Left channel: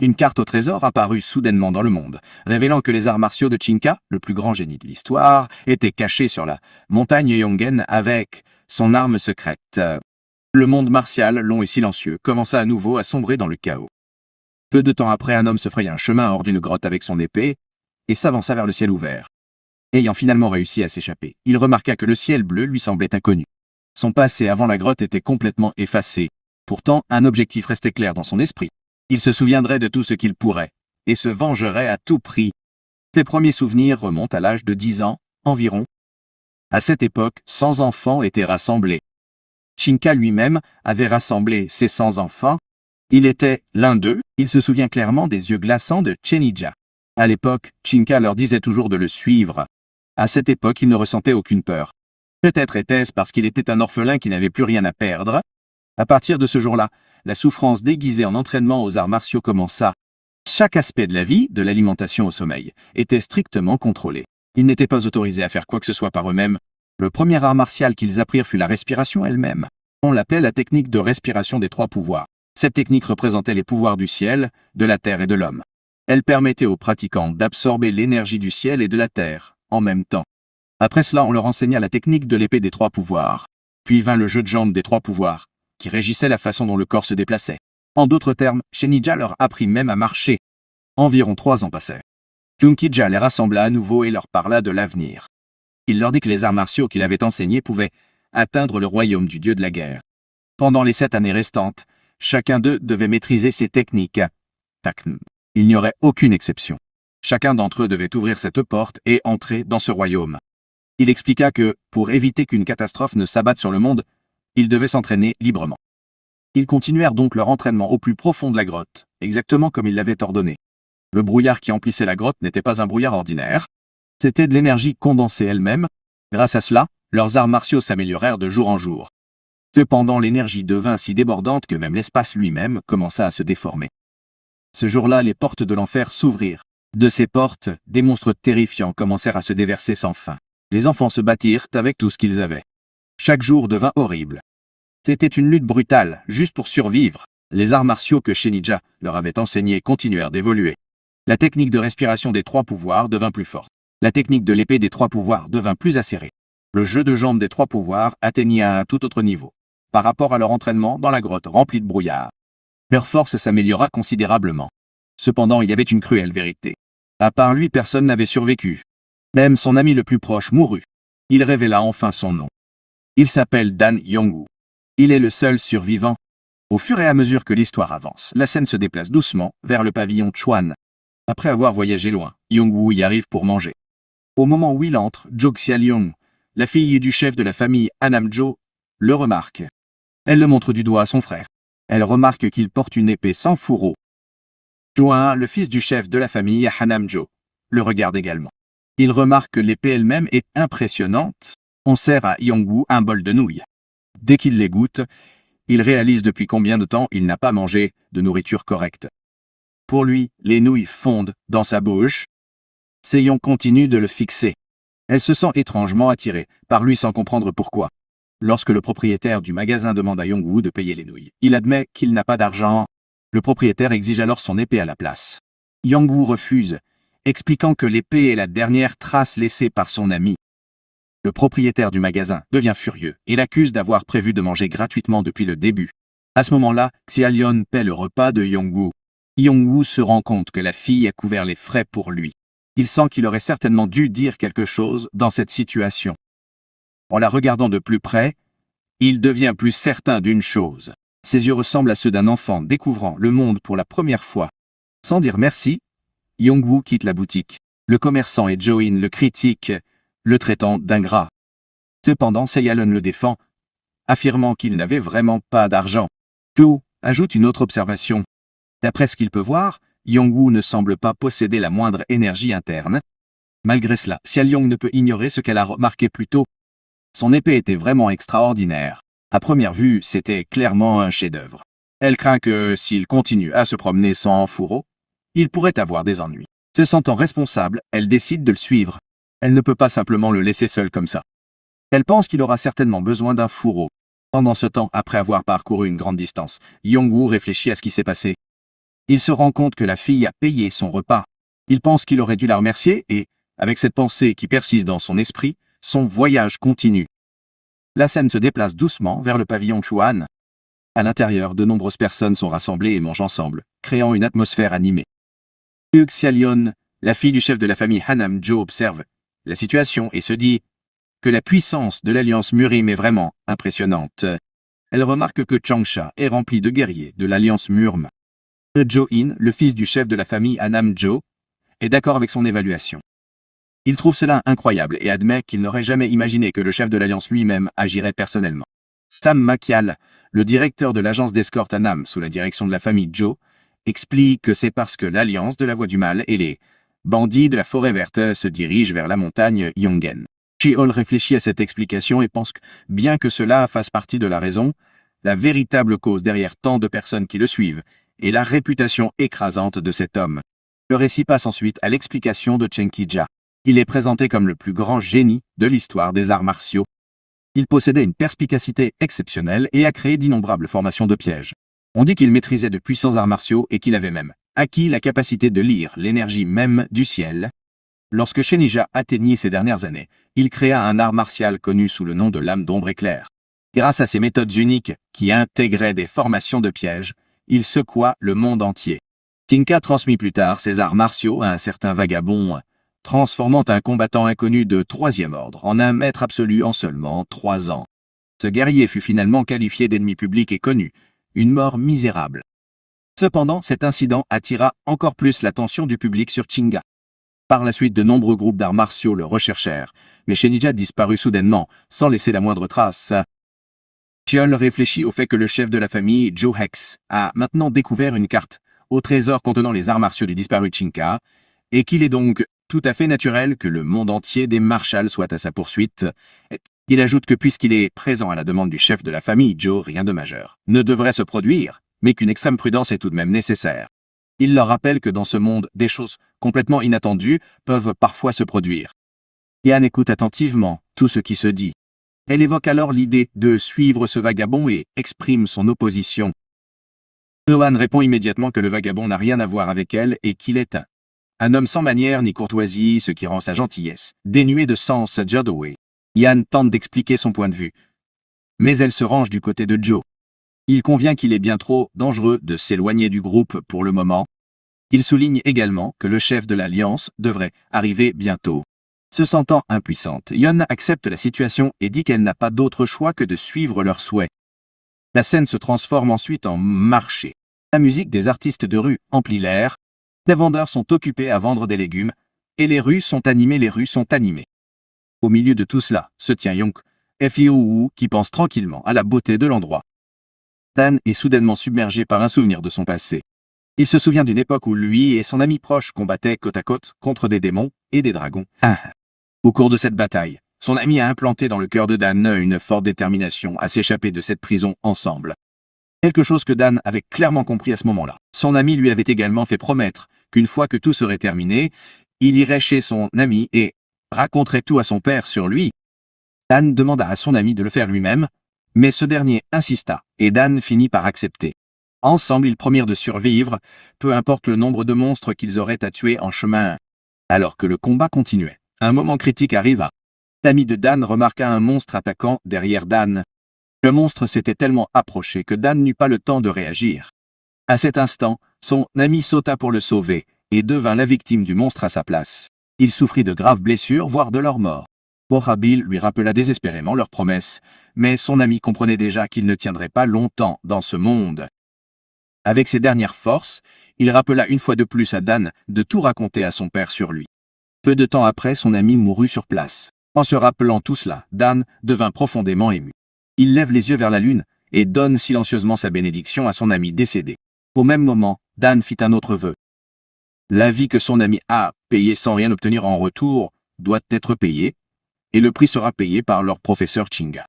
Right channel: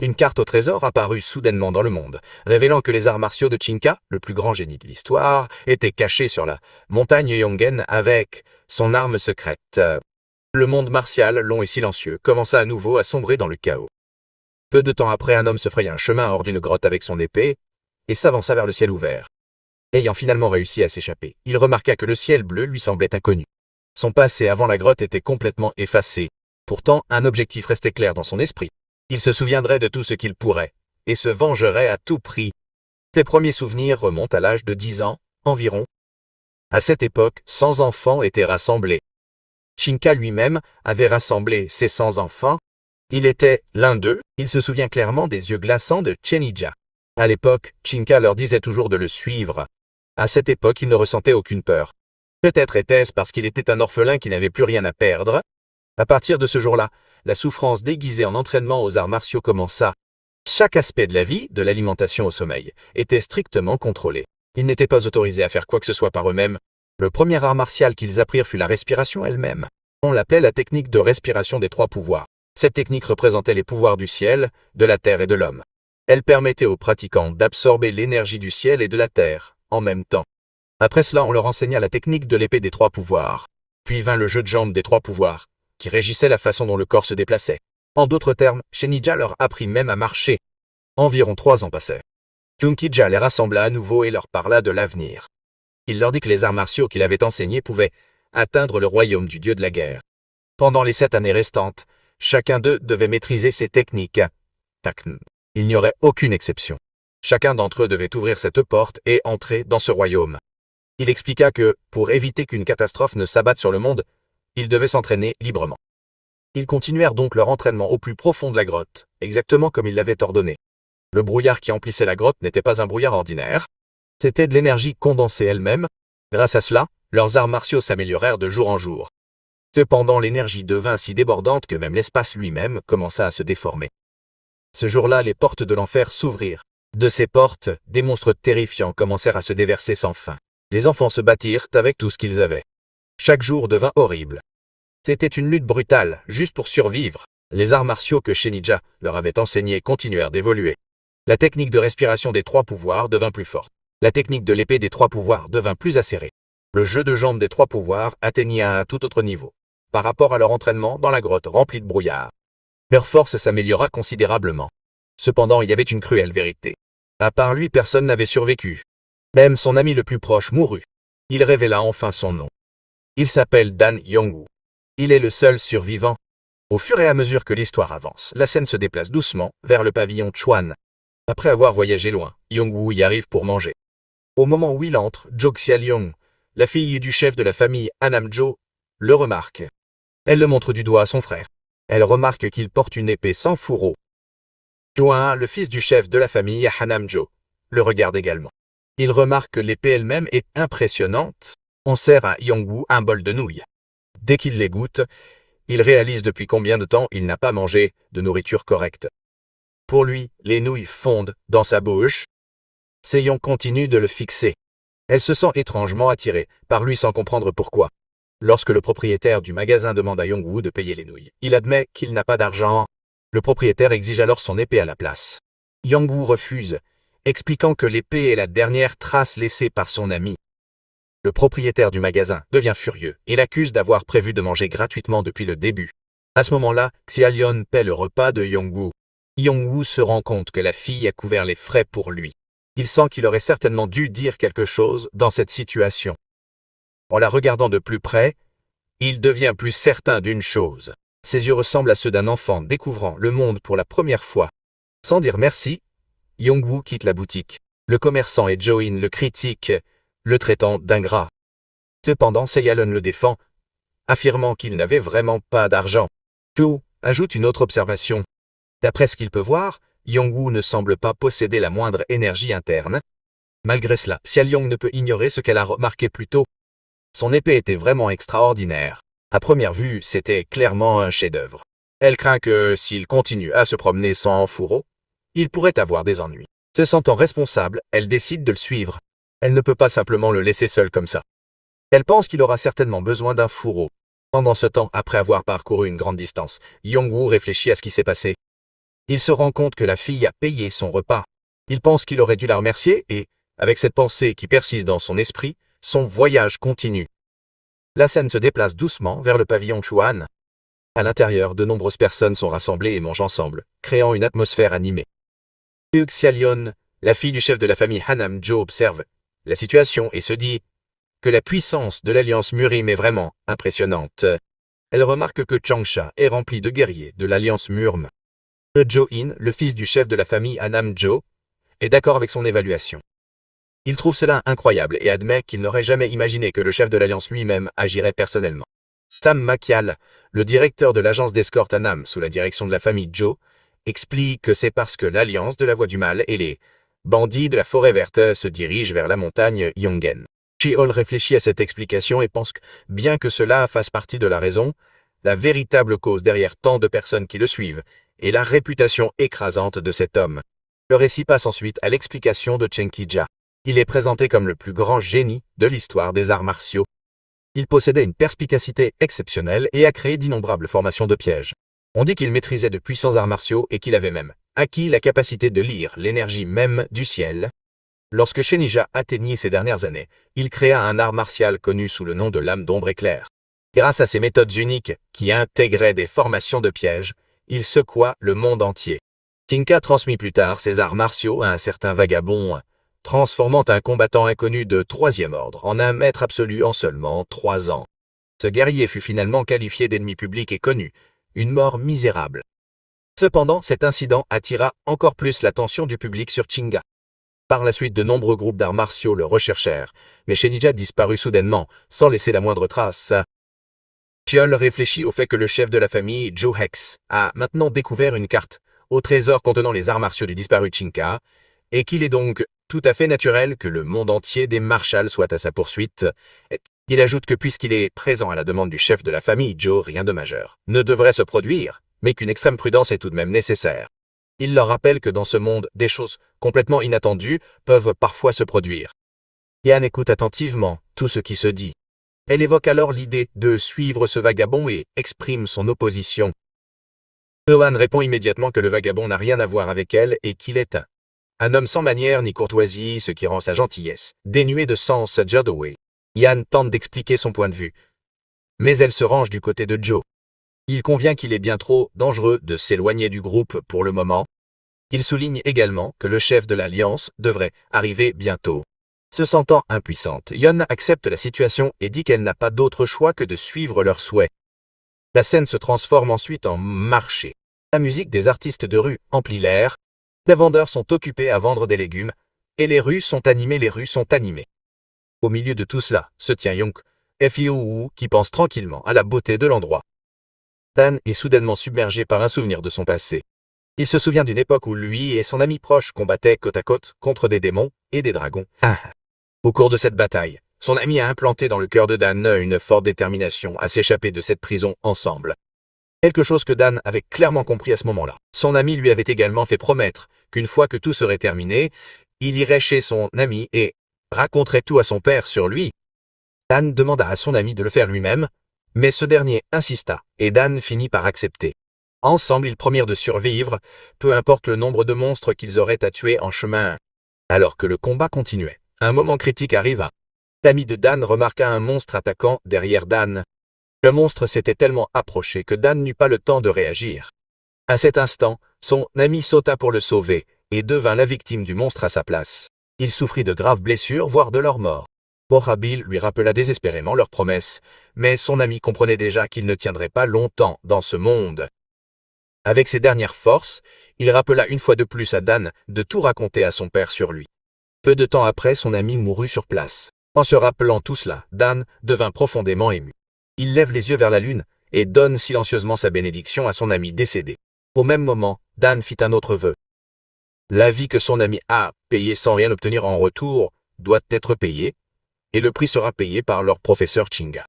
Une carte au trésor apparut soudainement dans le monde, révélant que les arts martiaux de Chinka, le plus grand génie de l'histoire, étaient cachés sur la montagne Yongen avec son arme secrète. Le monde martial, long et silencieux, commença à nouveau à sombrer dans le chaos. Peu de temps après, un homme se fraya un chemin hors d'une grotte avec son épée et s'avança vers le ciel ouvert. Ayant finalement réussi à s'échapper, il remarqua que le ciel bleu lui semblait inconnu. Son passé avant la grotte était complètement effacé. Pourtant, un objectif restait clair dans son esprit. Il se souviendrait de tout ce qu'il pourrait, et se vengerait à tout prix. Ses premiers souvenirs remontent à l'âge de 10 ans, environ. À cette époque, 100 enfants étaient rassemblés. Chinka lui-même avait rassemblé ses 100 enfants. Il était l'un d'eux. Il se souvient clairement des yeux glaçants de Chenija. À l'époque, Chinka leur disait toujours de le suivre. À cette époque, il ne ressentait aucune peur. Peut-être était-ce parce qu'il était un orphelin qui n'avait plus rien à perdre. À partir de ce jour-là, la souffrance déguisée en entraînement aux arts martiaux commença. Chaque aspect de la vie, de l'alimentation au sommeil, était strictement contrôlé. Ils n'étaient pas autorisés à faire quoi que ce soit par eux-mêmes. Le premier art martial qu'ils apprirent fut la respiration elle-même. On l'appelait la technique de respiration des 3 pouvoirs. Cette technique représentait les pouvoirs du ciel, de la terre et de l'homme. Elle permettait aux pratiquants d'absorber l'énergie du ciel et de la terre, en même temps. Après cela, on leur enseigna la technique de l'épée des 3 pouvoirs. Puis vint le jeu de jambes des 3 pouvoirs, qui régissait la façon dont le corps se déplaçait. En d'autres termes, Shenija leur apprit même à marcher. Environ 3 ans passèrent. Junkija les rassembla à nouveau et leur parla de l'avenir. Il leur dit que les arts martiaux qu'il avait enseignés pouvaient atteindre le royaume du dieu de la guerre. Pendant les 7 années restantes, chacun d'eux devait maîtriser ses techniques. Il n'y aurait aucune exception. Chacun d'entre eux devait ouvrir cette porte et entrer dans ce royaume. Il expliqua que, pour éviter qu'une catastrophe ne s'abatte sur le monde, ils devaient s'entraîner librement. Ils continuèrent donc leur entraînement au plus profond de la grotte, exactement comme il l'avait ordonné. Le brouillard qui emplissait la grotte n'était pas un brouillard ordinaire. C'était de l'énergie condensée elle-même. Grâce à cela, leurs arts martiaux s'améliorèrent de jour en jour. Cependant, l'énergie devint si débordante que même l'espace lui-même commença à se déformer. Ce jour-là, les portes de l'enfer s'ouvrirent. De ces portes, des monstres terrifiants commencèrent à se déverser sans fin. Les enfants se battirent avec tout ce qu'ils avaient. Chaque jour devint horrible. C'était une lutte brutale, juste pour survivre. Les arts martiaux que Shenija leur avait enseignés continuèrent d'évoluer. La technique de respiration des 3 pouvoirs devint plus forte. La technique de l'épée des 3 pouvoirs devint plus acérée. Le jeu de jambes des 3 pouvoirs atteignit à un tout autre niveau, par rapport à leur entraînement dans la grotte remplie de brouillard. Leur force s'améliora considérablement. Cependant, il y avait une cruelle vérité. À part lui, personne n'avait survécu. Même son ami le plus proche mourut. Il révéla enfin son nom. Il s'appelle Dan Yongwu. Il est le seul survivant. Au fur et à mesure que l'histoire avance, la scène se déplace doucement vers le pavillon Chuan. Après avoir voyagé loin, Yongwu y arrive pour manger. Au moment où il entre, Jo Xiaoliong, la fille du chef de la famille Hanamjo, le remarque. Elle le montre du doigt à son frère. Elle remarque qu'il porte une épée sans fourreau. Juan, le fils du chef de la famille Hanamjo, le regarde également. Il remarque que l'épée elle-même est impressionnante. On sert à Yongwu un bol de nouilles. Dès qu'il les goûte, il réalise depuis combien de temps il n'a pas mangé de nourriture correcte. Pour lui, les nouilles fondent dans sa bouche. Seyong continue de le fixer. Elle se sent étrangement attirée par lui sans comprendre pourquoi. Lorsque le propriétaire du magasin demande à Yongwu de payer les nouilles, il admet qu'il n'a pas d'argent. Le propriétaire exige alors son épée à la place. Yongwu refuse, expliquant que l'épée est la dernière trace laissée par son ami. Le propriétaire du magasin devient furieux et l'accuse d'avoir prévu de manger gratuitement depuis le début. À ce moment-là, Xiaolion paie le repas de Yongwu. Yongwu se rend compte que la fille a couvert les frais pour lui. Il sent qu'il aurait certainement dû dire quelque chose dans cette situation. En la regardant de plus près, il devient plus certain d'une chose. Ses yeux ressemblent à ceux d'un enfant découvrant le monde pour la première fois. Sans dire merci, Yongwu quitte la boutique. Le commerçant et Join le critiquent, le traitant d'ingrat. Cependant, Xiaolion le défend, affirmant qu'il n'avait vraiment pas d'argent. Zhou ajoute une autre observation. D'après ce qu'il peut voir, Yongwu ne semble pas posséder la moindre énergie interne. Malgré cela, Xiaolion ne peut ignorer ce qu'elle a remarqué plus tôt. Son épée était vraiment extraordinaire. À première vue, c'était clairement un chef-d'œuvre. Elle craint que, s'il continue à se promener sans fourreau, il pourrait avoir des ennuis. Se sentant responsable, elle décide de le suivre. Elle ne peut pas simplement le laisser seul comme ça. Elle pense qu'il aura certainement besoin d'un fourreau. Pendant ce temps, après avoir parcouru une grande distance, Yongwu réfléchit à ce qui s'est passé. Il se rend compte que la fille a payé son repas. Il pense qu'il aurait dû la remercier et, avec cette pensée qui persiste dans son esprit, son voyage continue. La scène se déplace doucement vers le pavillon Chuan. À l'intérieur, de nombreuses personnes sont rassemblées et mangent ensemble, créant une atmosphère animée. Xia-Lion, la fille du chef de la famille Hanam-Jo, observe la situation et se dit que la puissance de l'alliance Murim est vraiment impressionnante. Elle remarque que Changsha est rempli de guerriers de l'alliance Murm. Jo-in, le fils du chef de la famille Hanam-Jo, est d'accord avec son évaluation. Il trouve cela incroyable et admet qu'il n'aurait jamais imaginé que le chef de l'alliance lui-même agirait personnellement. Sam Makial, le directeur de l'agence d'escorte Hanam sous la direction de la famille Jo, explique que c'est parce que l'alliance de la Voie du Mal et les bandits de la Forêt Verte se dirigent vers la montagne Yongen. Chi-Hol réfléchit à cette explication et pense que, bien que cela fasse partie de la raison, la véritable cause derrière tant de personnes qui le suivent est la réputation écrasante de cet homme. Le récit passe ensuite à l'explication de Chen Qijia. Il est présenté comme le plus grand génie de l'histoire des arts martiaux. Il possédait une perspicacité exceptionnelle et a créé d'innombrables formations de pièges. On dit qu'il maîtrisait de puissants arts martiaux et qu'il avait même acquis la capacité de lire l'énergie même du ciel. Lorsque Shenija atteignit ses dernières années, il créa un art martial connu sous le nom de lame d'ombre éclair. Grâce à ses méthodes uniques qui intégraient des formations de pièges, il secoua le monde entier. Tinka transmit plus tard ses arts martiaux à un certain vagabond, transformant un combattant inconnu de 3e ordre en un maître absolu en seulement 3 ans. Ce guerrier fut finalement qualifié d'ennemi public et connu, une mort misérable. Cependant, cet incident attira encore plus l'attention du public sur Chinga. Par la suite, de nombreux groupes d'arts martiaux le recherchèrent, mais Shenija disparut soudainement, sans laisser la moindre trace. Chiol réfléchit au fait que le chef de la famille, Joe Hex, a maintenant découvert une carte au trésor contenant les arts martiaux du disparu Chinka, et qu'il est donc tout à fait naturel que le monde entier des marshals soit à sa poursuite. Il ajoute que puisqu'il est présent à la demande du chef de la famille, Joe, rien de majeur ne devrait se produire, mais qu'une extrême prudence est tout de même nécessaire. Il leur rappelle que dans ce monde, des choses complètement inattendues peuvent parfois se produire. Yan écoute attentivement tout ce qui se dit. Elle évoque alors l'idée de suivre ce vagabond et exprime son opposition. Ohan répond immédiatement que le vagabond n'a rien à voir avec elle et qu'il est un homme sans manières ni courtoisie, ce qui rend sa gentillesse dénuée de sens Jodaway. Yan tente d'expliquer son point de vue, mais elle se range du côté de Joe. Il convient qu'il est bien trop dangereux de s'éloigner du groupe pour le moment. Il souligne également que le chef de l'Alliance devrait arriver bientôt. Se sentant impuissante, Yeon accepte la situation et dit qu'elle n'a pas d'autre choix que de suivre leurs souhaits. La scène se transforme ensuite en marché. La musique des artistes de rue emplit l'air. Les vendeurs sont occupés à vendre des légumes, et les rues sont animées. Au milieu de tout cela, se tient Yonk, Fiou, qui pense tranquillement à la beauté de l'endroit. Dan est soudainement submergé par un souvenir de son passé. Il se souvient d'une époque où lui et son ami proche combattaient côte à côte contre des démons et des dragons. Au cours de cette bataille, son ami a implanté dans le cœur de Dan une forte détermination à s'échapper de cette prison ensemble. Quelque chose que Dan avait clairement compris à ce moment-là. Son ami lui avait également fait promettre qu'une fois que tout serait terminé, il irait chez son ami et raconterait tout à son père sur lui. Dan demanda à son ami de le faire lui-même, mais ce dernier insista, et Dan finit par accepter. Ensemble, ils promirent de survivre, peu importe le nombre de monstres qu'ils auraient à tuer en chemin. Alors que le combat continuait, un moment critique arriva. L'ami de Dan remarqua un monstre attaquant derrière Dan. Le monstre s'était tellement approché que Dan n'eut pas le temps de réagir. À cet instant, son ami sauta pour le sauver, et devint la victime du monstre à sa place. Il souffrit de graves blessures, voire de leur mort. Borabil lui rappela désespérément leur promesse, mais son ami comprenait déjà qu'il ne tiendrait pas longtemps dans ce monde. Avec ses dernières forces, il rappela une fois de plus à Dan de tout raconter à son père sur lui. Peu de temps après, son ami mourut sur place. En se rappelant tout cela, Dan devint profondément ému. Il lève les yeux vers la lune et donne silencieusement sa bénédiction à son ami décédé. Au même moment, Dan fit un autre vœu. La vie que son ami a payée sans rien obtenir en retour doit être payée, et le prix sera payé par leur professeur Chinga.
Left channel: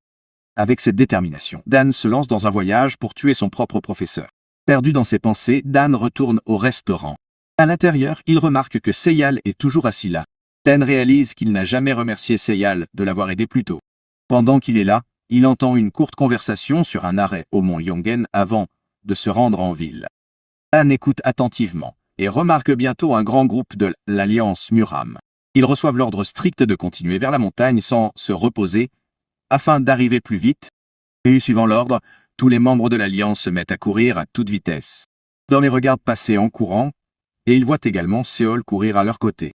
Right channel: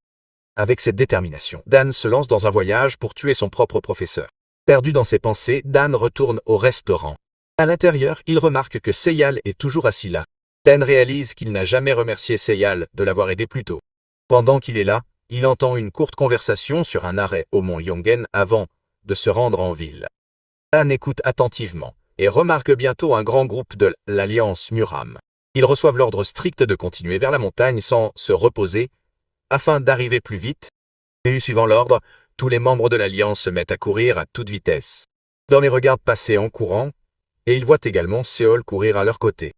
Avec cette détermination, Dan se lance dans un voyage pour tuer son propre professeur. Perdu dans ses pensées, Dan retourne au restaurant. À l'intérieur, il remarque que Seyal est toujours assis là. Dan réalise qu'il n'a jamais remercié Seyal de l'avoir aidé plus tôt. Pendant qu'il est là, il entend une courte conversation sur un arrêt au mont Yongen avant de se rendre en ville. Dan écoute attentivement et remarque bientôt un grand groupe de l'Alliance Muram. Ils reçoivent l'ordre strict de continuer vers la montagne sans se reposer afin d'arriver plus vite. Et suivant l'ordre, tous les membres de l'Alliance se mettent à courir à toute vitesse. Dan les regarde passer en courant et ils voient également Séol courir à leur côté.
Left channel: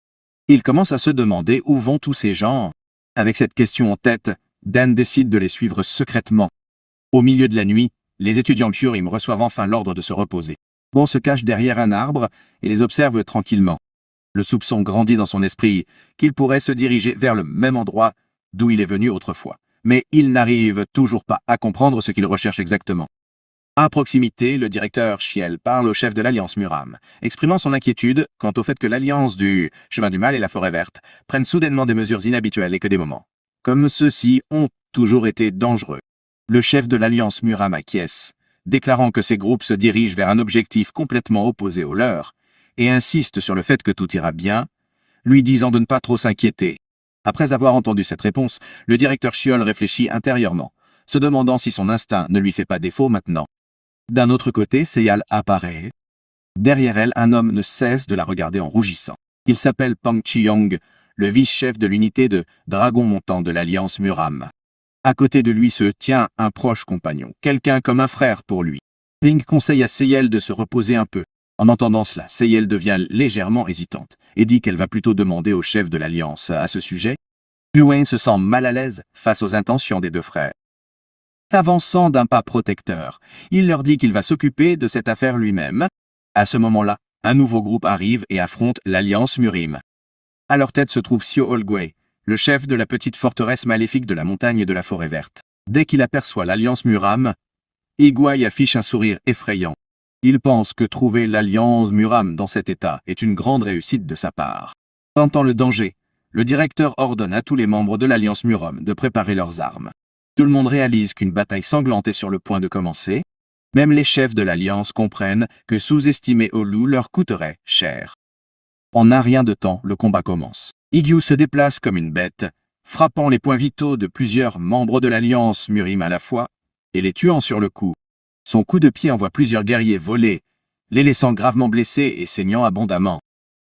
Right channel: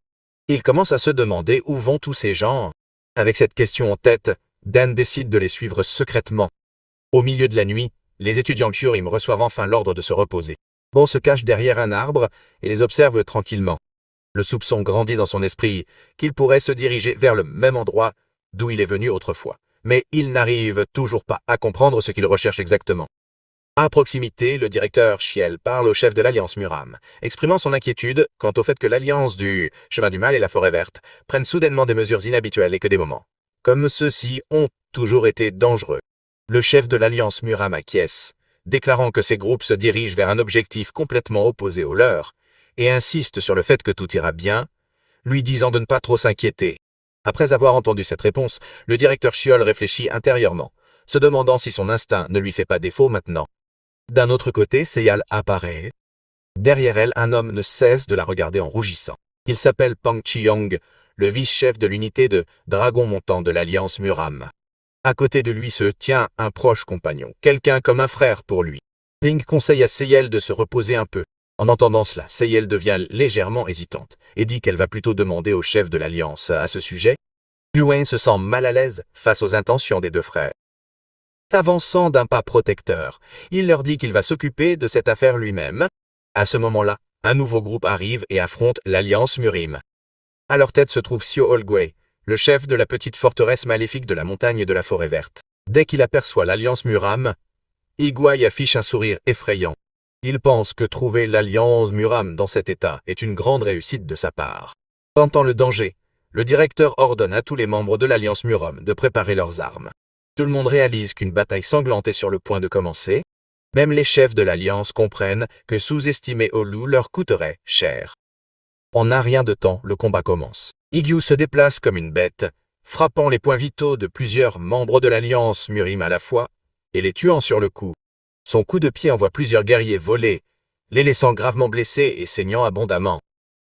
Ils commencent à se demander où vont tous ces gens. Avec cette question en tête, Dan décide de les suivre secrètement. Au milieu de la nuit, les étudiants Kyurem reçoivent enfin l'ordre de se reposer. Bon se cache derrière un arbre et les observe tranquillement. Le soupçon grandit dans son esprit qu'il pourrait se diriger vers le même endroit d'où il est venu autrefois. Mais il n'arrive toujours pas à comprendre ce qu'il recherche exactement. À proximité, le directeur Chiel parle au chef de l'Alliance Muram, exprimant son inquiétude quant au fait que l'Alliance du Chemin du Mal et la Forêt Verte prennent soudainement des mesures inhabituelles et que des moments comme ceux-ci ont toujours été dangereux. Le chef de l'Alliance Muram acquiesce, déclarant que ces groupes se dirigent vers un objectif complètement opposé au leur, et insiste sur le fait que tout ira bien, lui disant de ne pas trop s'inquiéter. Après avoir entendu cette réponse, le directeur Chiol réfléchit intérieurement, se demandant si son instinct ne lui fait pas défaut maintenant. D'un autre côté, Seyal apparaît. Derrière elle, un homme ne cesse de la regarder en rougissant. Il s'appelle Pang Chiyong, le vice-chef de l'unité de Dragon Montant de l'Alliance Muram. À côté de lui se tient un proche compagnon, quelqu'un comme un frère pour lui. Ping conseille à Seyel de se reposer un peu. En entendant cela, Seyel devient légèrement hésitante et dit qu'elle va plutôt demander au chef de l'Alliance à ce sujet. Yuan se sent mal à l'aise face aux intentions des deux frères. S'avançant d'un pas protecteur, il leur dit qu'il va s'occuper de cette affaire lui-même. À ce moment-là, un nouveau groupe arrive et affronte l'Alliance Murim. À leur tête se trouve Sio Olgwei, le chef de la petite forteresse maléfique de la montagne de la Forêt Verte. Dès qu'il aperçoit l'Alliance Muram, Igwai affiche un sourire effrayant. Il pense que trouver l'Alliance Muram dans cet état est une grande réussite de sa part. Sentant le danger, le directeur ordonne à tous les membres de l'Alliance Muram de préparer leurs armes. Tout le monde réalise qu'une bataille sanglante est sur le point de commencer. Même les chefs de l'Alliance comprennent que sous-estimer Olu leur coûterait cher. En un rien de temps, le combat commence. Igyu se déplace comme une bête, frappant les points vitaux de plusieurs membres de l'Alliance Murim à la fois, et les tuant sur le coup. Son coup de pied envoie plusieurs guerriers voler, les laissant gravement blessés et saignant abondamment.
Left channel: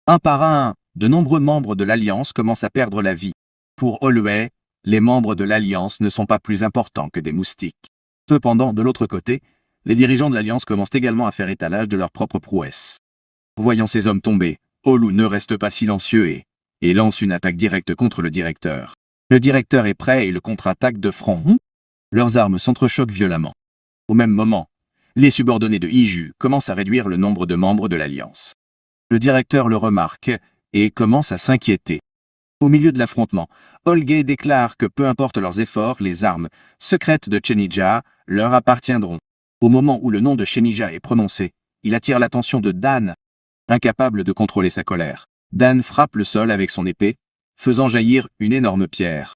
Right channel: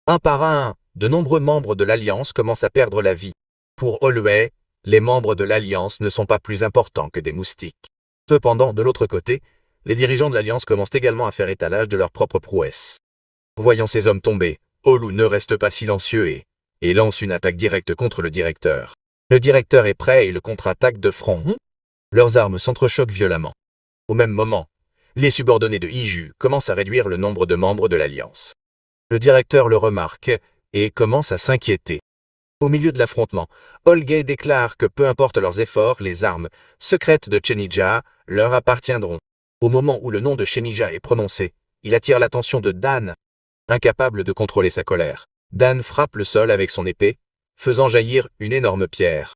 Un par un, de nombreux membres de l'Alliance commencent à perdre la vie. Pour Olwei, les membres de l'Alliance ne sont pas plus importants que des moustiques. Cependant, de l'autre côté, les dirigeants de l'Alliance commencent également à faire étalage de leurs propres prouesses. Voyant ces hommes tomber, Olu ne reste pas silencieux et lance une attaque directe contre le directeur. Le directeur est prêt et le contre-attaque de front. Leurs armes s'entrechoquent violemment. Au même moment, les subordonnés de Iju commencent à réduire le nombre de membres de l'Alliance. Le directeur le remarque et commence à s'inquiéter. Au milieu de l'affrontement, Olgay déclare que peu importe leurs efforts, les armes secrètes de Chenija leur appartiendront. Au moment où le nom de Chenija est prononcé, il attire l'attention de Dan. Incapable de contrôler sa colère, Dan frappe le sol avec son épée, faisant jaillir une énorme pierre.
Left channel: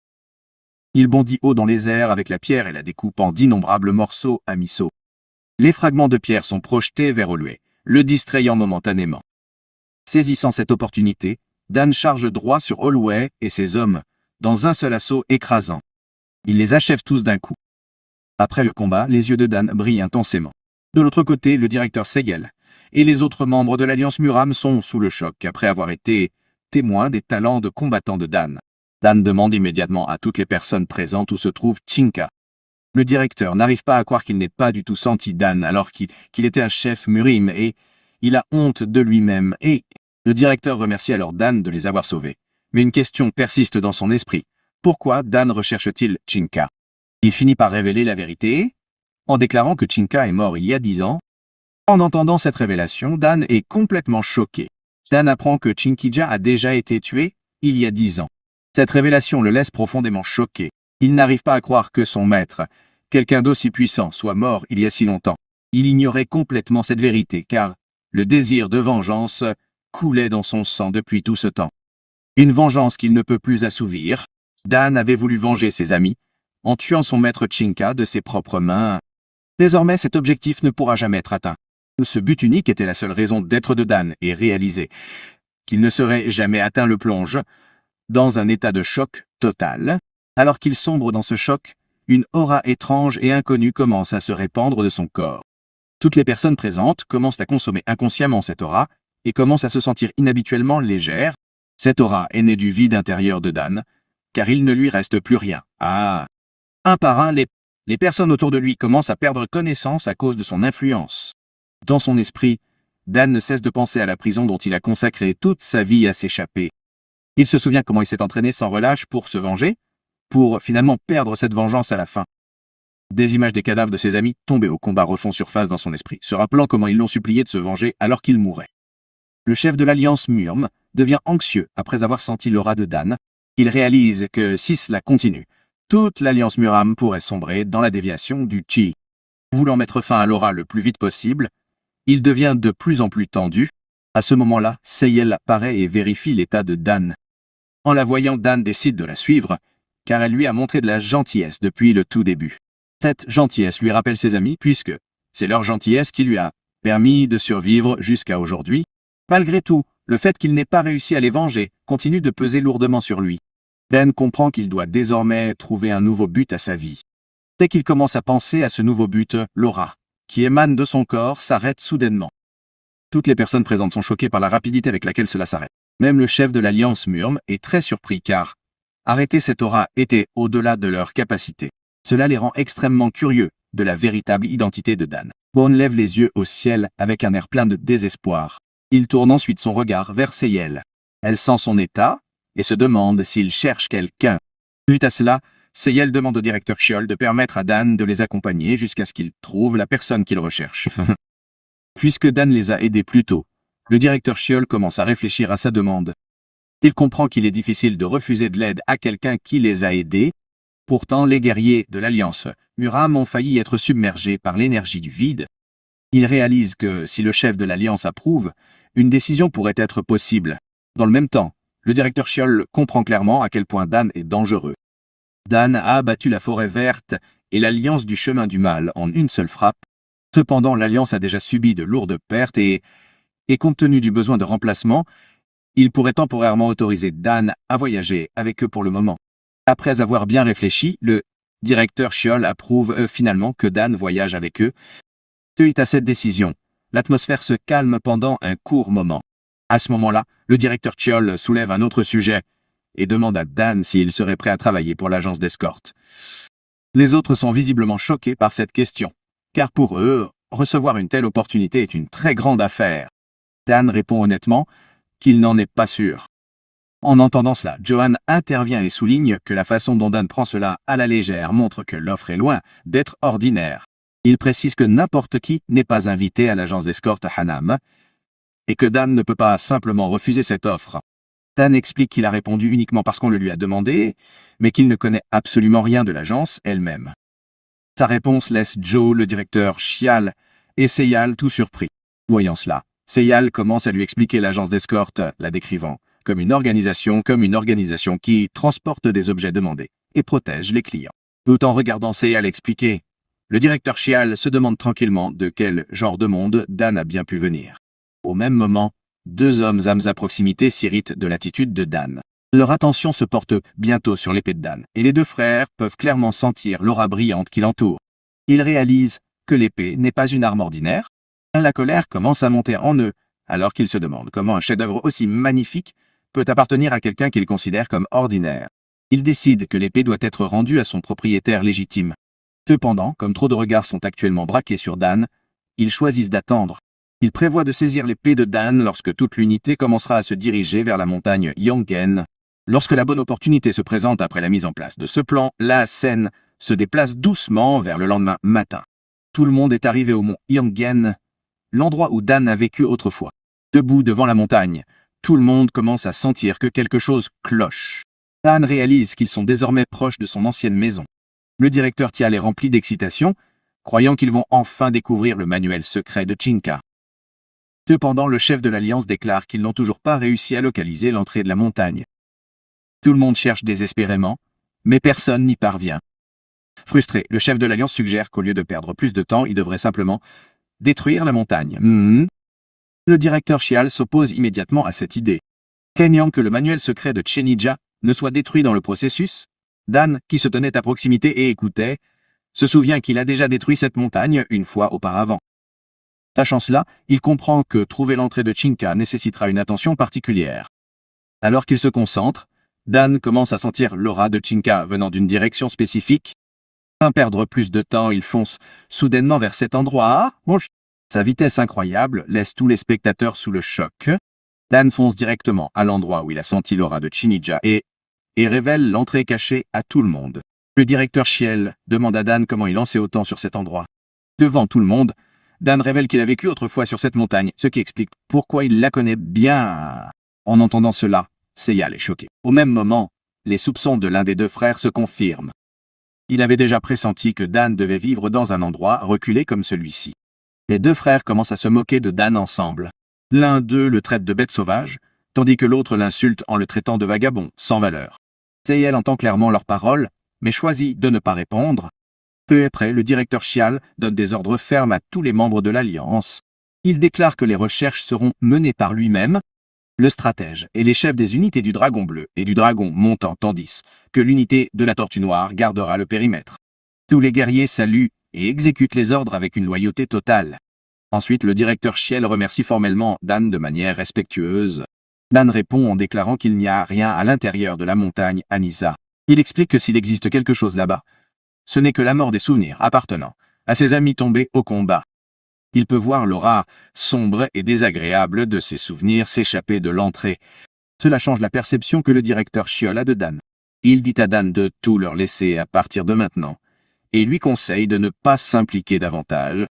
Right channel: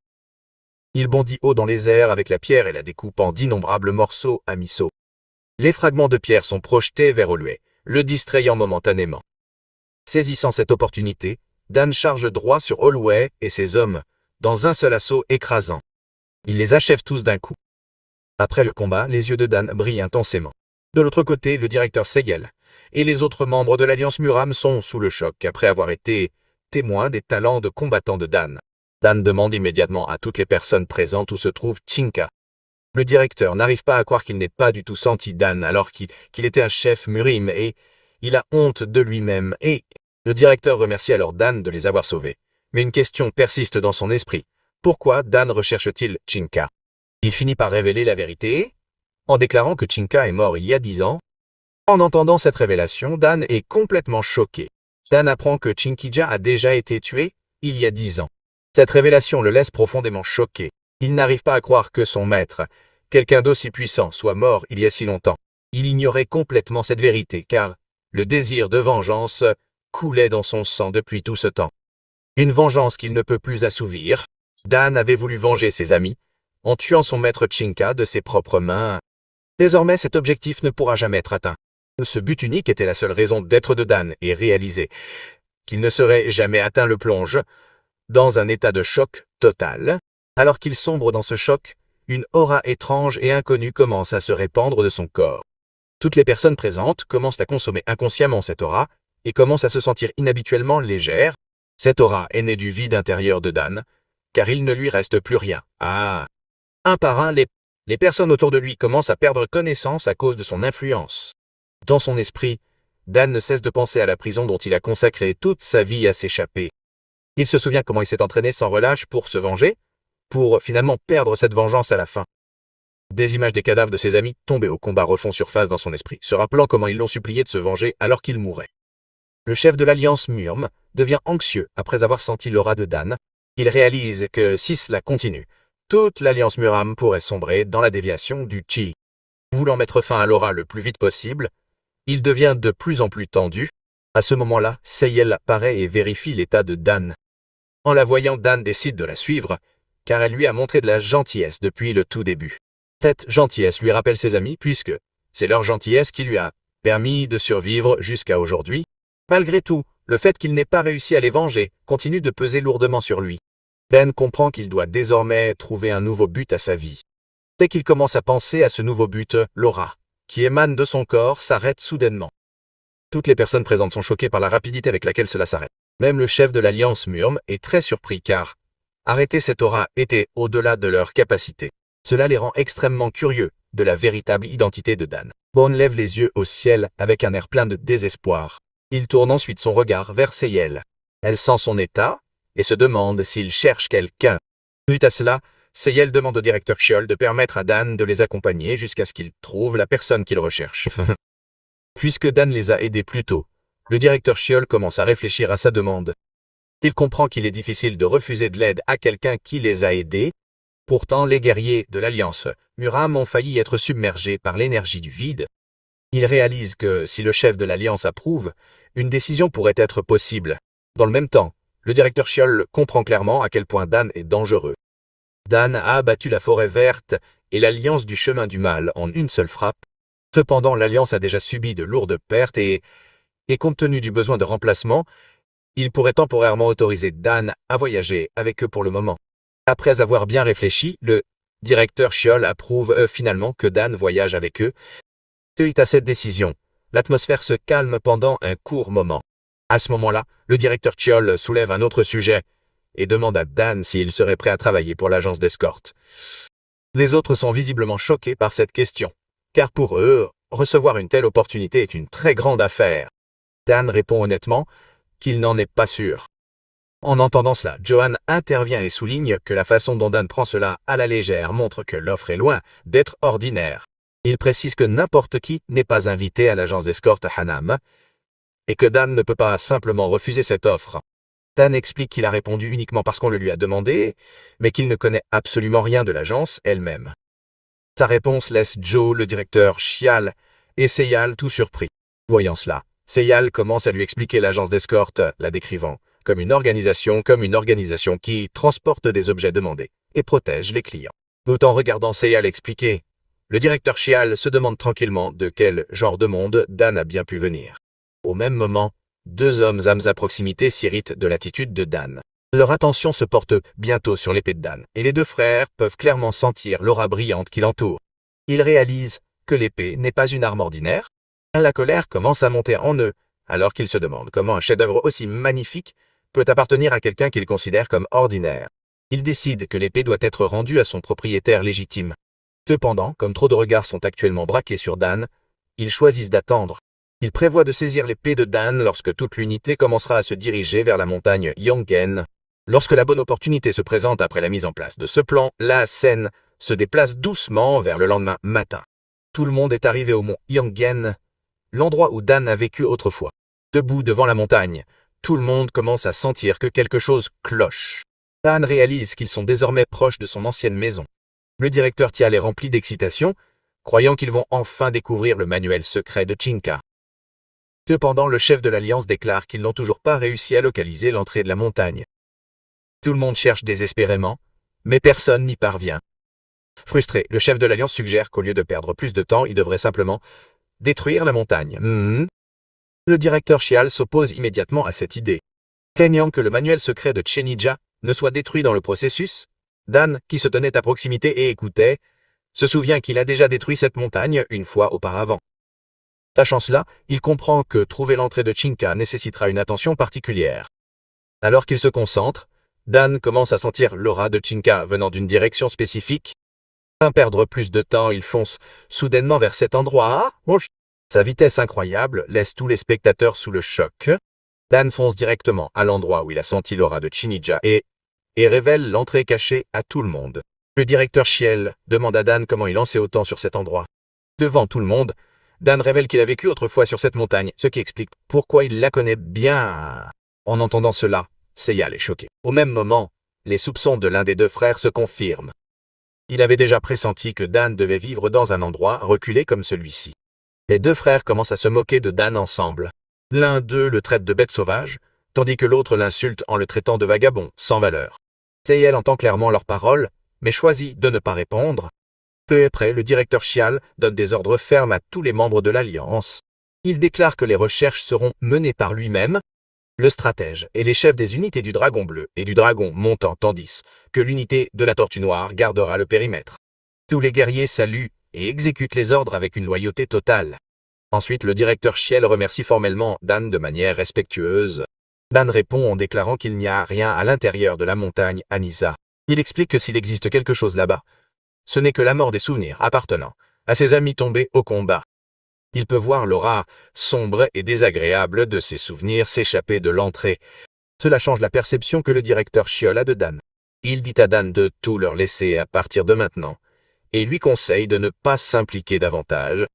Il bondit haut dans les airs avec la pierre et la découpe en d'innombrables morceaux à mi-saut. Les fragments de pierre sont projetés vers Olwei, le distrayant momentanément. Saisissant cette opportunité, Dan charge droit sur Olwei et ses hommes, dans un seul assaut écrasant. Il les achève tous d'un coup. Après le combat, les yeux de Dan brillent intensément. De l'autre côté, le directeur Seyel et les autres membres de l'Alliance Muram sont sous le choc après avoir été témoins des talents de combattants de Dan. Dan demande immédiatement à toutes les personnes présentes où se trouve Chinka. Le directeur n'arrive pas à croire qu'il n'ait pas du tout senti Dan alors qu'il était un chef Murim et il a honte de lui-même et le directeur remercie alors Dan de les avoir sauvés. Mais une question persiste dans son esprit. Pourquoi Dan recherche-t-il Chinka? Il finit par révéler la vérité en déclarant que Chinka est mort il y a 10 ans. En entendant cette révélation, Dan est complètement choqué. Dan apprend que Chinkija a déjà été tué il y a 10 ans. Cette révélation le laisse profondément choqué. Il n'arrive pas à croire que son maître, quelqu'un d'aussi puissant, soit mort il y a si longtemps. Il ignorait complètement cette vérité car le désir de vengeance coulait dans son sang depuis tout ce temps. Une vengeance qu'il ne peut plus assouvir. Dan avait voulu venger ses amis en tuant son maître Chinka de ses propres mains. Désormais, cet objectif ne pourra jamais être atteint. Ce but unique était la seule raison d'être de Dan et réaliser qu'il ne serait jamais atteint le plonge dans un état de choc total. Alors qu'il sombre dans ce choc, une aura étrange et inconnue commence à se répandre de son corps. Toutes les personnes présentes commencent à consommer inconsciemment cette aura et commencent à se sentir inhabituellement légères. Cette aura est née du vide intérieur de Dan, car il ne lui reste plus rien. Un par un, les personnes autour de lui commencent à perdre connaissance à cause de son influence. Dans son esprit, Dan ne cesse de penser à la prison dont il a consacré toute sa vie à s'échapper. Il se souvient comment il s'est entraîné sans relâche pour se venger, pour finalement perdre cette vengeance à la fin. Des images des cadavres de ses amis tombés au combat refont surface dans son esprit, se rappelant comment ils l'ont supplié de se venger alors qu'il mourait. Le chef de l'Alliance Murm devient anxieux après avoir senti l'aura de Dan. Il réalise que si cela continue, toute l'Alliance Muram pourrait sombrer dans la déviation du Chi. Voulant mettre fin à l'aura le plus vite possible, il devient de plus en plus tendu. À ce moment-là, Seyel apparaît et vérifie l'état de Dan. En la voyant, Dan décide de la suivre, car elle lui a montré de la gentillesse depuis le tout début. Cette gentillesse lui rappelle ses amis puisque c'est leur gentillesse qui lui a permis de survivre jusqu'à aujourd'hui. Malgré tout, le fait qu'il n'ait pas réussi à les venger continue de peser lourdement sur lui. Dan comprend qu'il doit désormais trouver un nouveau but à sa vie. Dès qu'il commence à penser à ce nouveau but, l'aura, qui émane de son corps, s'arrête soudainement. Toutes les personnes présentes sont choquées par la rapidité avec laquelle cela s'arrête. Même le chef de l'Alliance Murm est très surpris car arrêter cette aura était au-delà de leur capacité. Cela les rend extrêmement curieux de la véritable identité de Dan. Bone lève les yeux au ciel avec un air plein de désespoir. Il tourne ensuite son regard vers Seyel. Elle sent son état et se demande s'il cherche quelqu'un. Suite à cela, Seyel demande au directeur Xiol de permettre à Dan de les accompagner jusqu'à ce qu'il trouve la personne qu'il recherche. Puisque Dan les a aidés plus tôt, le directeur Xiol commence à réfléchir à sa demande. Il comprend qu'il est difficile de refuser de l'aide à quelqu'un qui les a aidés. Pourtant, les guerriers de l'Alliance Muram ont failli être submergés par l'énergie du vide. Il réalise que si le chef de l'Alliance approuve, une décision pourrait être possible. Dans le même temps, le directeur Xiol comprend clairement à quel point Dan est dangereux. Dan a abattu la forêt verte et l'Alliance du chemin du mal en une seule frappe. Cependant, l'Alliance a déjà subi de lourdes pertes et compte tenu du besoin de remplacement, il pourrait temporairement autoriser Dan à voyager avec eux pour le moment. Après avoir bien réfléchi, le directeur Xiol approuve finalement que Dan voyage avec eux. Suite à cette décision, l'atmosphère se calme pendant un court moment. À ce moment-là, le directeur Xiol soulève un autre sujet et demande à Dan s'il serait prêt à travailler pour l'agence d'escorte. Les autres sont visiblement choqués par cette question, car pour eux, recevoir une telle opportunité est une très grande affaire. Dan répond honnêtement qu'il n'en est pas sûr. En entendant cela, Johan intervient et souligne que la façon dont Dan prend cela à la légère montre que l'offre est loin d'être ordinaire. Il précise que n'importe qui n'est pas invité à l'agence d'escorte Hanam et que Dan ne peut pas simplement refuser cette offre. Dan explique qu'il a répondu uniquement parce qu'on le lui a demandé, mais qu'il ne connaît absolument rien de l'agence elle-même. Sa réponse laisse Joe, le directeur, Xial et Seyal tout surpris. Voyant cela, Seyal commence à lui expliquer l'agence d'escorte, la décrivant comme une organisation qui transporte des objets demandés et protège les clients. Tout en regardant Seyal expliquer, le directeur Xial se demande tranquillement de quel genre de monde Dan a bien pu venir. Au même moment, deux hommes à proximité s'irritent de l'attitude de Dan. Leur attention se porte bientôt sur l'épée de Dan, et les deux frères peuvent clairement sentir l'aura brillante qui l'entoure. Ils réalisent que l'épée n'est pas une arme ordinaire. La colère commence à monter en eux, alors qu'ils se demandent comment un chef-d'œuvre aussi magnifique peut appartenir à quelqu'un qu'ils considèrent comme ordinaire. Ils décident que l'épée doit être rendue à son propriétaire légitime. Cependant, comme trop de regards sont actuellement braqués sur Dan, ils choisissent d'attendre. Ils prévoient de saisir l'épée de Dan lorsque toute l'unité commencera à se diriger vers la montagne Yongen. Lorsque la bonne opportunité se présente après la mise en place de ce plan, la scène se déplace doucement vers le lendemain matin. Tout le monde est arrivé au mont Yongen, l'endroit où Dan a vécu autrefois. Debout devant la montagne, tout le monde commence à sentir que quelque chose cloche. Dan réalise qu'ils sont désormais proches de son ancienne maison. Le directeur Tial est rempli d'excitation, croyant qu'ils vont enfin découvrir le manuel secret de Chinka. Cependant, le chef de l'Alliance déclare qu'ils n'ont toujours pas réussi à localiser l'entrée de la montagne. Tout le monde cherche désespérément, mais personne n'y parvient. Frustré, le chef de l'Alliance suggère qu'au lieu de perdre plus de temps, il devrait simplement détruire la montagne. Le directeur Xial s'oppose immédiatement à cette idée. Craignant que le manuel secret de Chenija ne soit détruit dans le processus, Dan, qui se tenait à proximité et écoutait, se souvient qu'il a déjà détruit cette montagne une fois auparavant. Sachant cela, il comprend que trouver l'entrée de Chinka nécessitera une attention particulière. Alors qu'il se concentre, Dan commence à sentir l'aura de Chinka venant d'une direction spécifique. Sans perdre plus de temps, il fonce soudainement vers cet endroit. Sa vitesse incroyable laisse tous les spectateurs sous le choc. Dan fonce directement à l'endroit où il a senti l'aura de Chinija et révèle l'entrée cachée à tout le monde. Le directeur Chiel demande à Dan comment il en sait autant sur cet endroit. Devant tout le monde, Dan révèle qu'il a vécu autrefois sur cette montagne, ce qui explique pourquoi il la connaît bien. En entendant cela, Seyal est choqué. Au même moment, les soupçons de l'un des deux frères se confirment. Il avait déjà pressenti que Dan devait vivre dans un endroit reculé comme celui-ci. Les deux frères commencent à se moquer de Dan ensemble. L'un d'eux le traite de bête sauvage, tandis que l'autre l'insulte en le traitant de vagabond, sans valeur. Seyal entend clairement leurs paroles, mais choisit de ne pas répondre. Peu après, le directeur Chial donne des ordres fermes à tous les membres de l'Alliance. Il déclare que les recherches seront menées par lui-même, le stratège et les chefs des unités du Dragon Bleu et du Dragon Montant, tandis que l'unité de la Tortue Noire gardera le périmètre. Tous les guerriers saluent et exécutent les ordres avec une loyauté totale. Ensuite, le directeur Chiel remercie formellement Dan de manière respectueuse. Dan répond en déclarant qu'il n'y a rien à l'intérieur de la montagne Anissa. Il explique que s'il existe quelque chose là-bas, ce n'est que la mort des souvenirs appartenant à ses amis tombés au combat. Il peut voir l'aura sombre et désagréable de ses souvenirs s'échapper de l'entrée. Cela change la perception que le directeur Chiol a de Dan. Il dit à Dan de tout leur laisser à partir de maintenant, et lui conseille de ne pas s'impliquer davantage.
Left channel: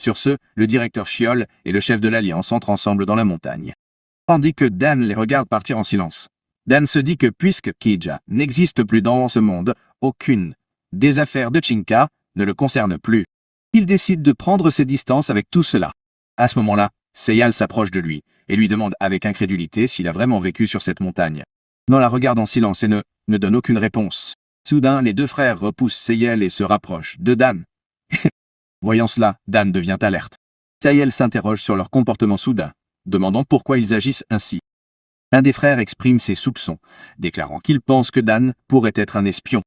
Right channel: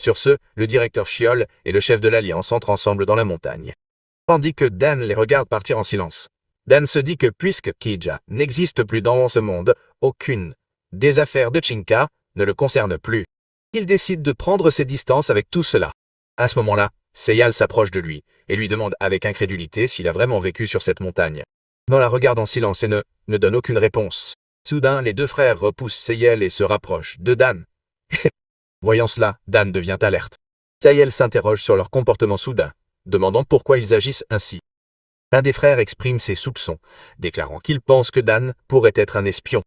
Sur ce, le directeur Chiol et le chef de l'Alliance entrent ensemble dans la montagne. Tandis que Dan les regarde partir en silence. Dan se dit que puisque Kija n'existe plus dans ce monde, aucune des affaires de Chinka ne le concerne plus. Il décide de prendre ses distances avec tout cela. À ce moment-là, Seyal s'approche de lui et lui demande avec incrédulité s'il a vraiment vécu sur cette montagne. Dan la regarde en silence et ne donne aucune réponse. Soudain, les deux frères repoussent Seyal et se rapprochent de Dan. Voyant cela, Dan devient alerte. Seyal s'interroge sur leur comportement soudain, demandant pourquoi ils agissent ainsi. L'un des frères exprime ses soupçons, déclarant qu'il pense que Dan pourrait être un espion.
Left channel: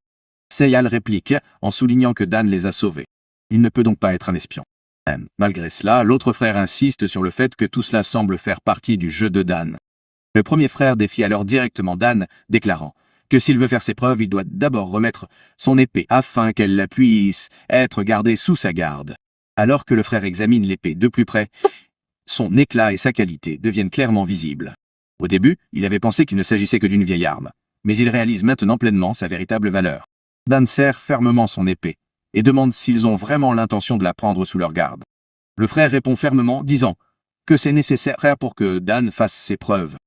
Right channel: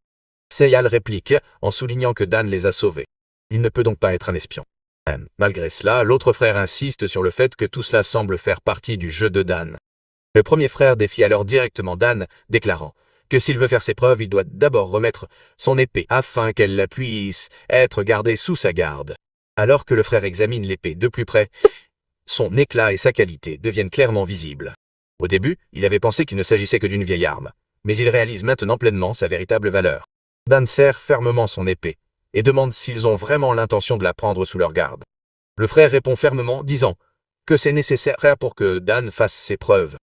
Seyal réplique en soulignant que Dan les a sauvés. Il ne peut donc pas être un espion. Malgré cela, l'autre frère insiste sur le fait que tout cela semble faire partie du jeu de Dan. Le premier frère défie alors directement Dan, déclarant que s'il veut faire ses preuves, il doit d'abord remettre son épée afin qu'elle puisse être gardée sous sa garde. Alors que le frère examine l'épée de plus près, son éclat et sa qualité deviennent clairement visibles. Au début, il avait pensé qu'il ne s'agissait que d'une vieille arme, mais il réalise maintenant pleinement sa véritable valeur. Dan serre fermement son épée et demande s'ils ont vraiment l'intention de la prendre sous leur garde. Le frère répond fermement, disant que c'est nécessaire pour que Dan fasse ses preuves.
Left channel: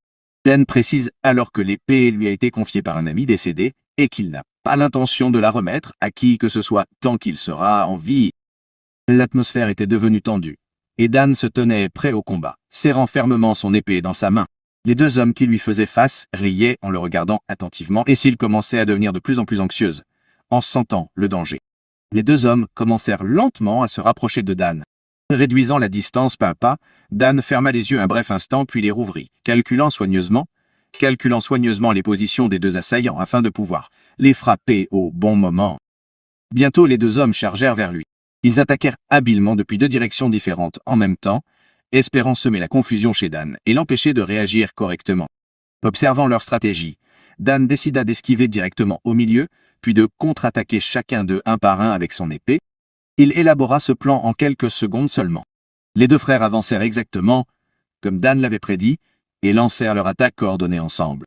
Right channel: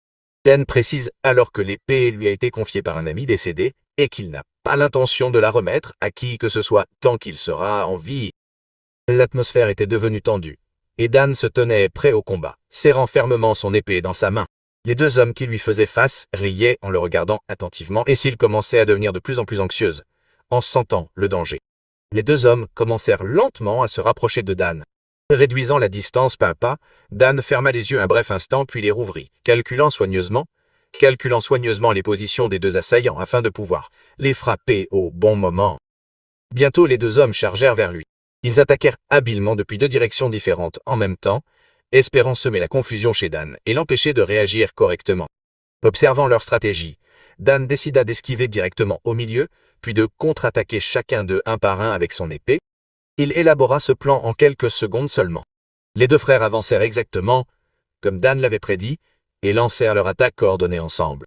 Dan précise alors que l'épée lui a été confiée par un ami décédé et qu'il n'a pas l'intention de la remettre à qui que ce soit tant qu'il sera en vie. L'atmosphère était devenue tendue, et Dan se tenait prêt au combat, serrant fermement son épée dans sa main. Les deux hommes qui lui faisaient face riaient en le regardant attentivement et s'il commençait à devenir de plus en plus anxieuse, en sentant le danger. Les deux hommes commencèrent lentement à se rapprocher de Dan. Réduisant la distance pas à pas, Dan ferma les yeux un bref instant puis les rouvrit, calculant soigneusement les positions des deux assaillants afin de pouvoir les frapper au bon moment. Bientôt les deux hommes chargèrent vers lui. Ils attaquèrent habilement depuis deux directions différentes en même temps, espérant semer la confusion chez Dan et l'empêcher de réagir correctement. Observant leur stratégie, Dan décida d'esquiver directement au milieu, puis de contre-attaquer chacun d'eux un par un avec son épée. Il élabora ce plan en quelques secondes seulement. Les deux frères avancèrent exactement comme Dan l'avait prédit et lancèrent leur attaque coordonnée ensemble.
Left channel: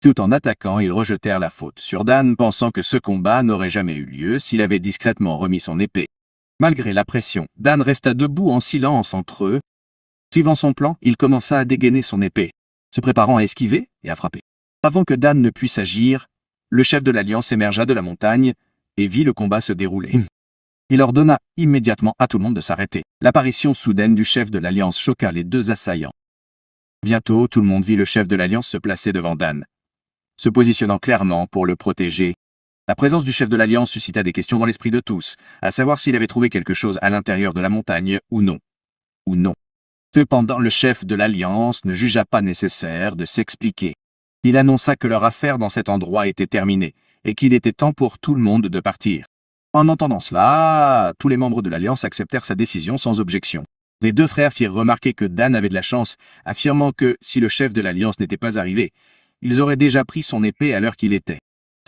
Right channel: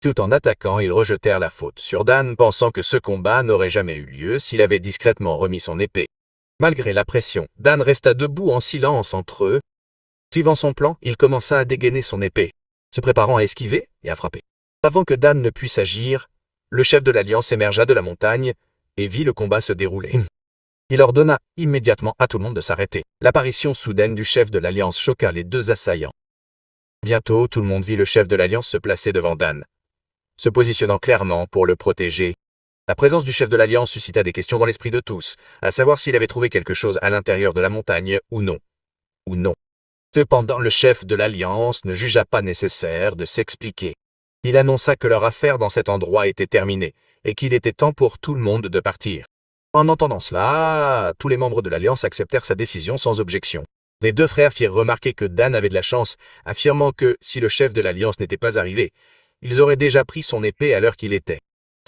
Tout en attaquant, ils rejetèrent la faute sur Dan, pensant que ce combat n'aurait jamais eu lieu s'il avait discrètement remis son épée. Malgré la pression, Dan resta debout en silence entre eux. Suivant son plan, il commença à dégainer son épée, se préparant à esquiver et à frapper. Avant que Dan ne puisse agir, le chef de l'Alliance émergea de la montagne et vit le combat se dérouler. Il ordonna immédiatement à tout le monde de s'arrêter. L'apparition soudaine du chef de l'Alliance choqua les deux assaillants. Bientôt, tout le monde vit le chef de l'Alliance se placer devant Dan, se positionnant clairement pour le protéger. La présence du chef de l'Alliance suscita des questions dans l'esprit de tous, à savoir s'il avait trouvé quelque chose à l'intérieur de la montagne ou non. Cependant, le chef de l'Alliance ne jugea pas nécessaire de s'expliquer. Il annonça que leur affaire dans cet endroit était terminée et qu'il était temps pour tout le monde de partir. En entendant cela, tous les membres de l'Alliance acceptèrent sa décision sans objection. Les deux frères firent remarquer que Dan avait de la chance, affirmant que, si le chef de l'Alliance n'était pas arrivé, ils auraient déjà pris son épée à l'heure qu'il était.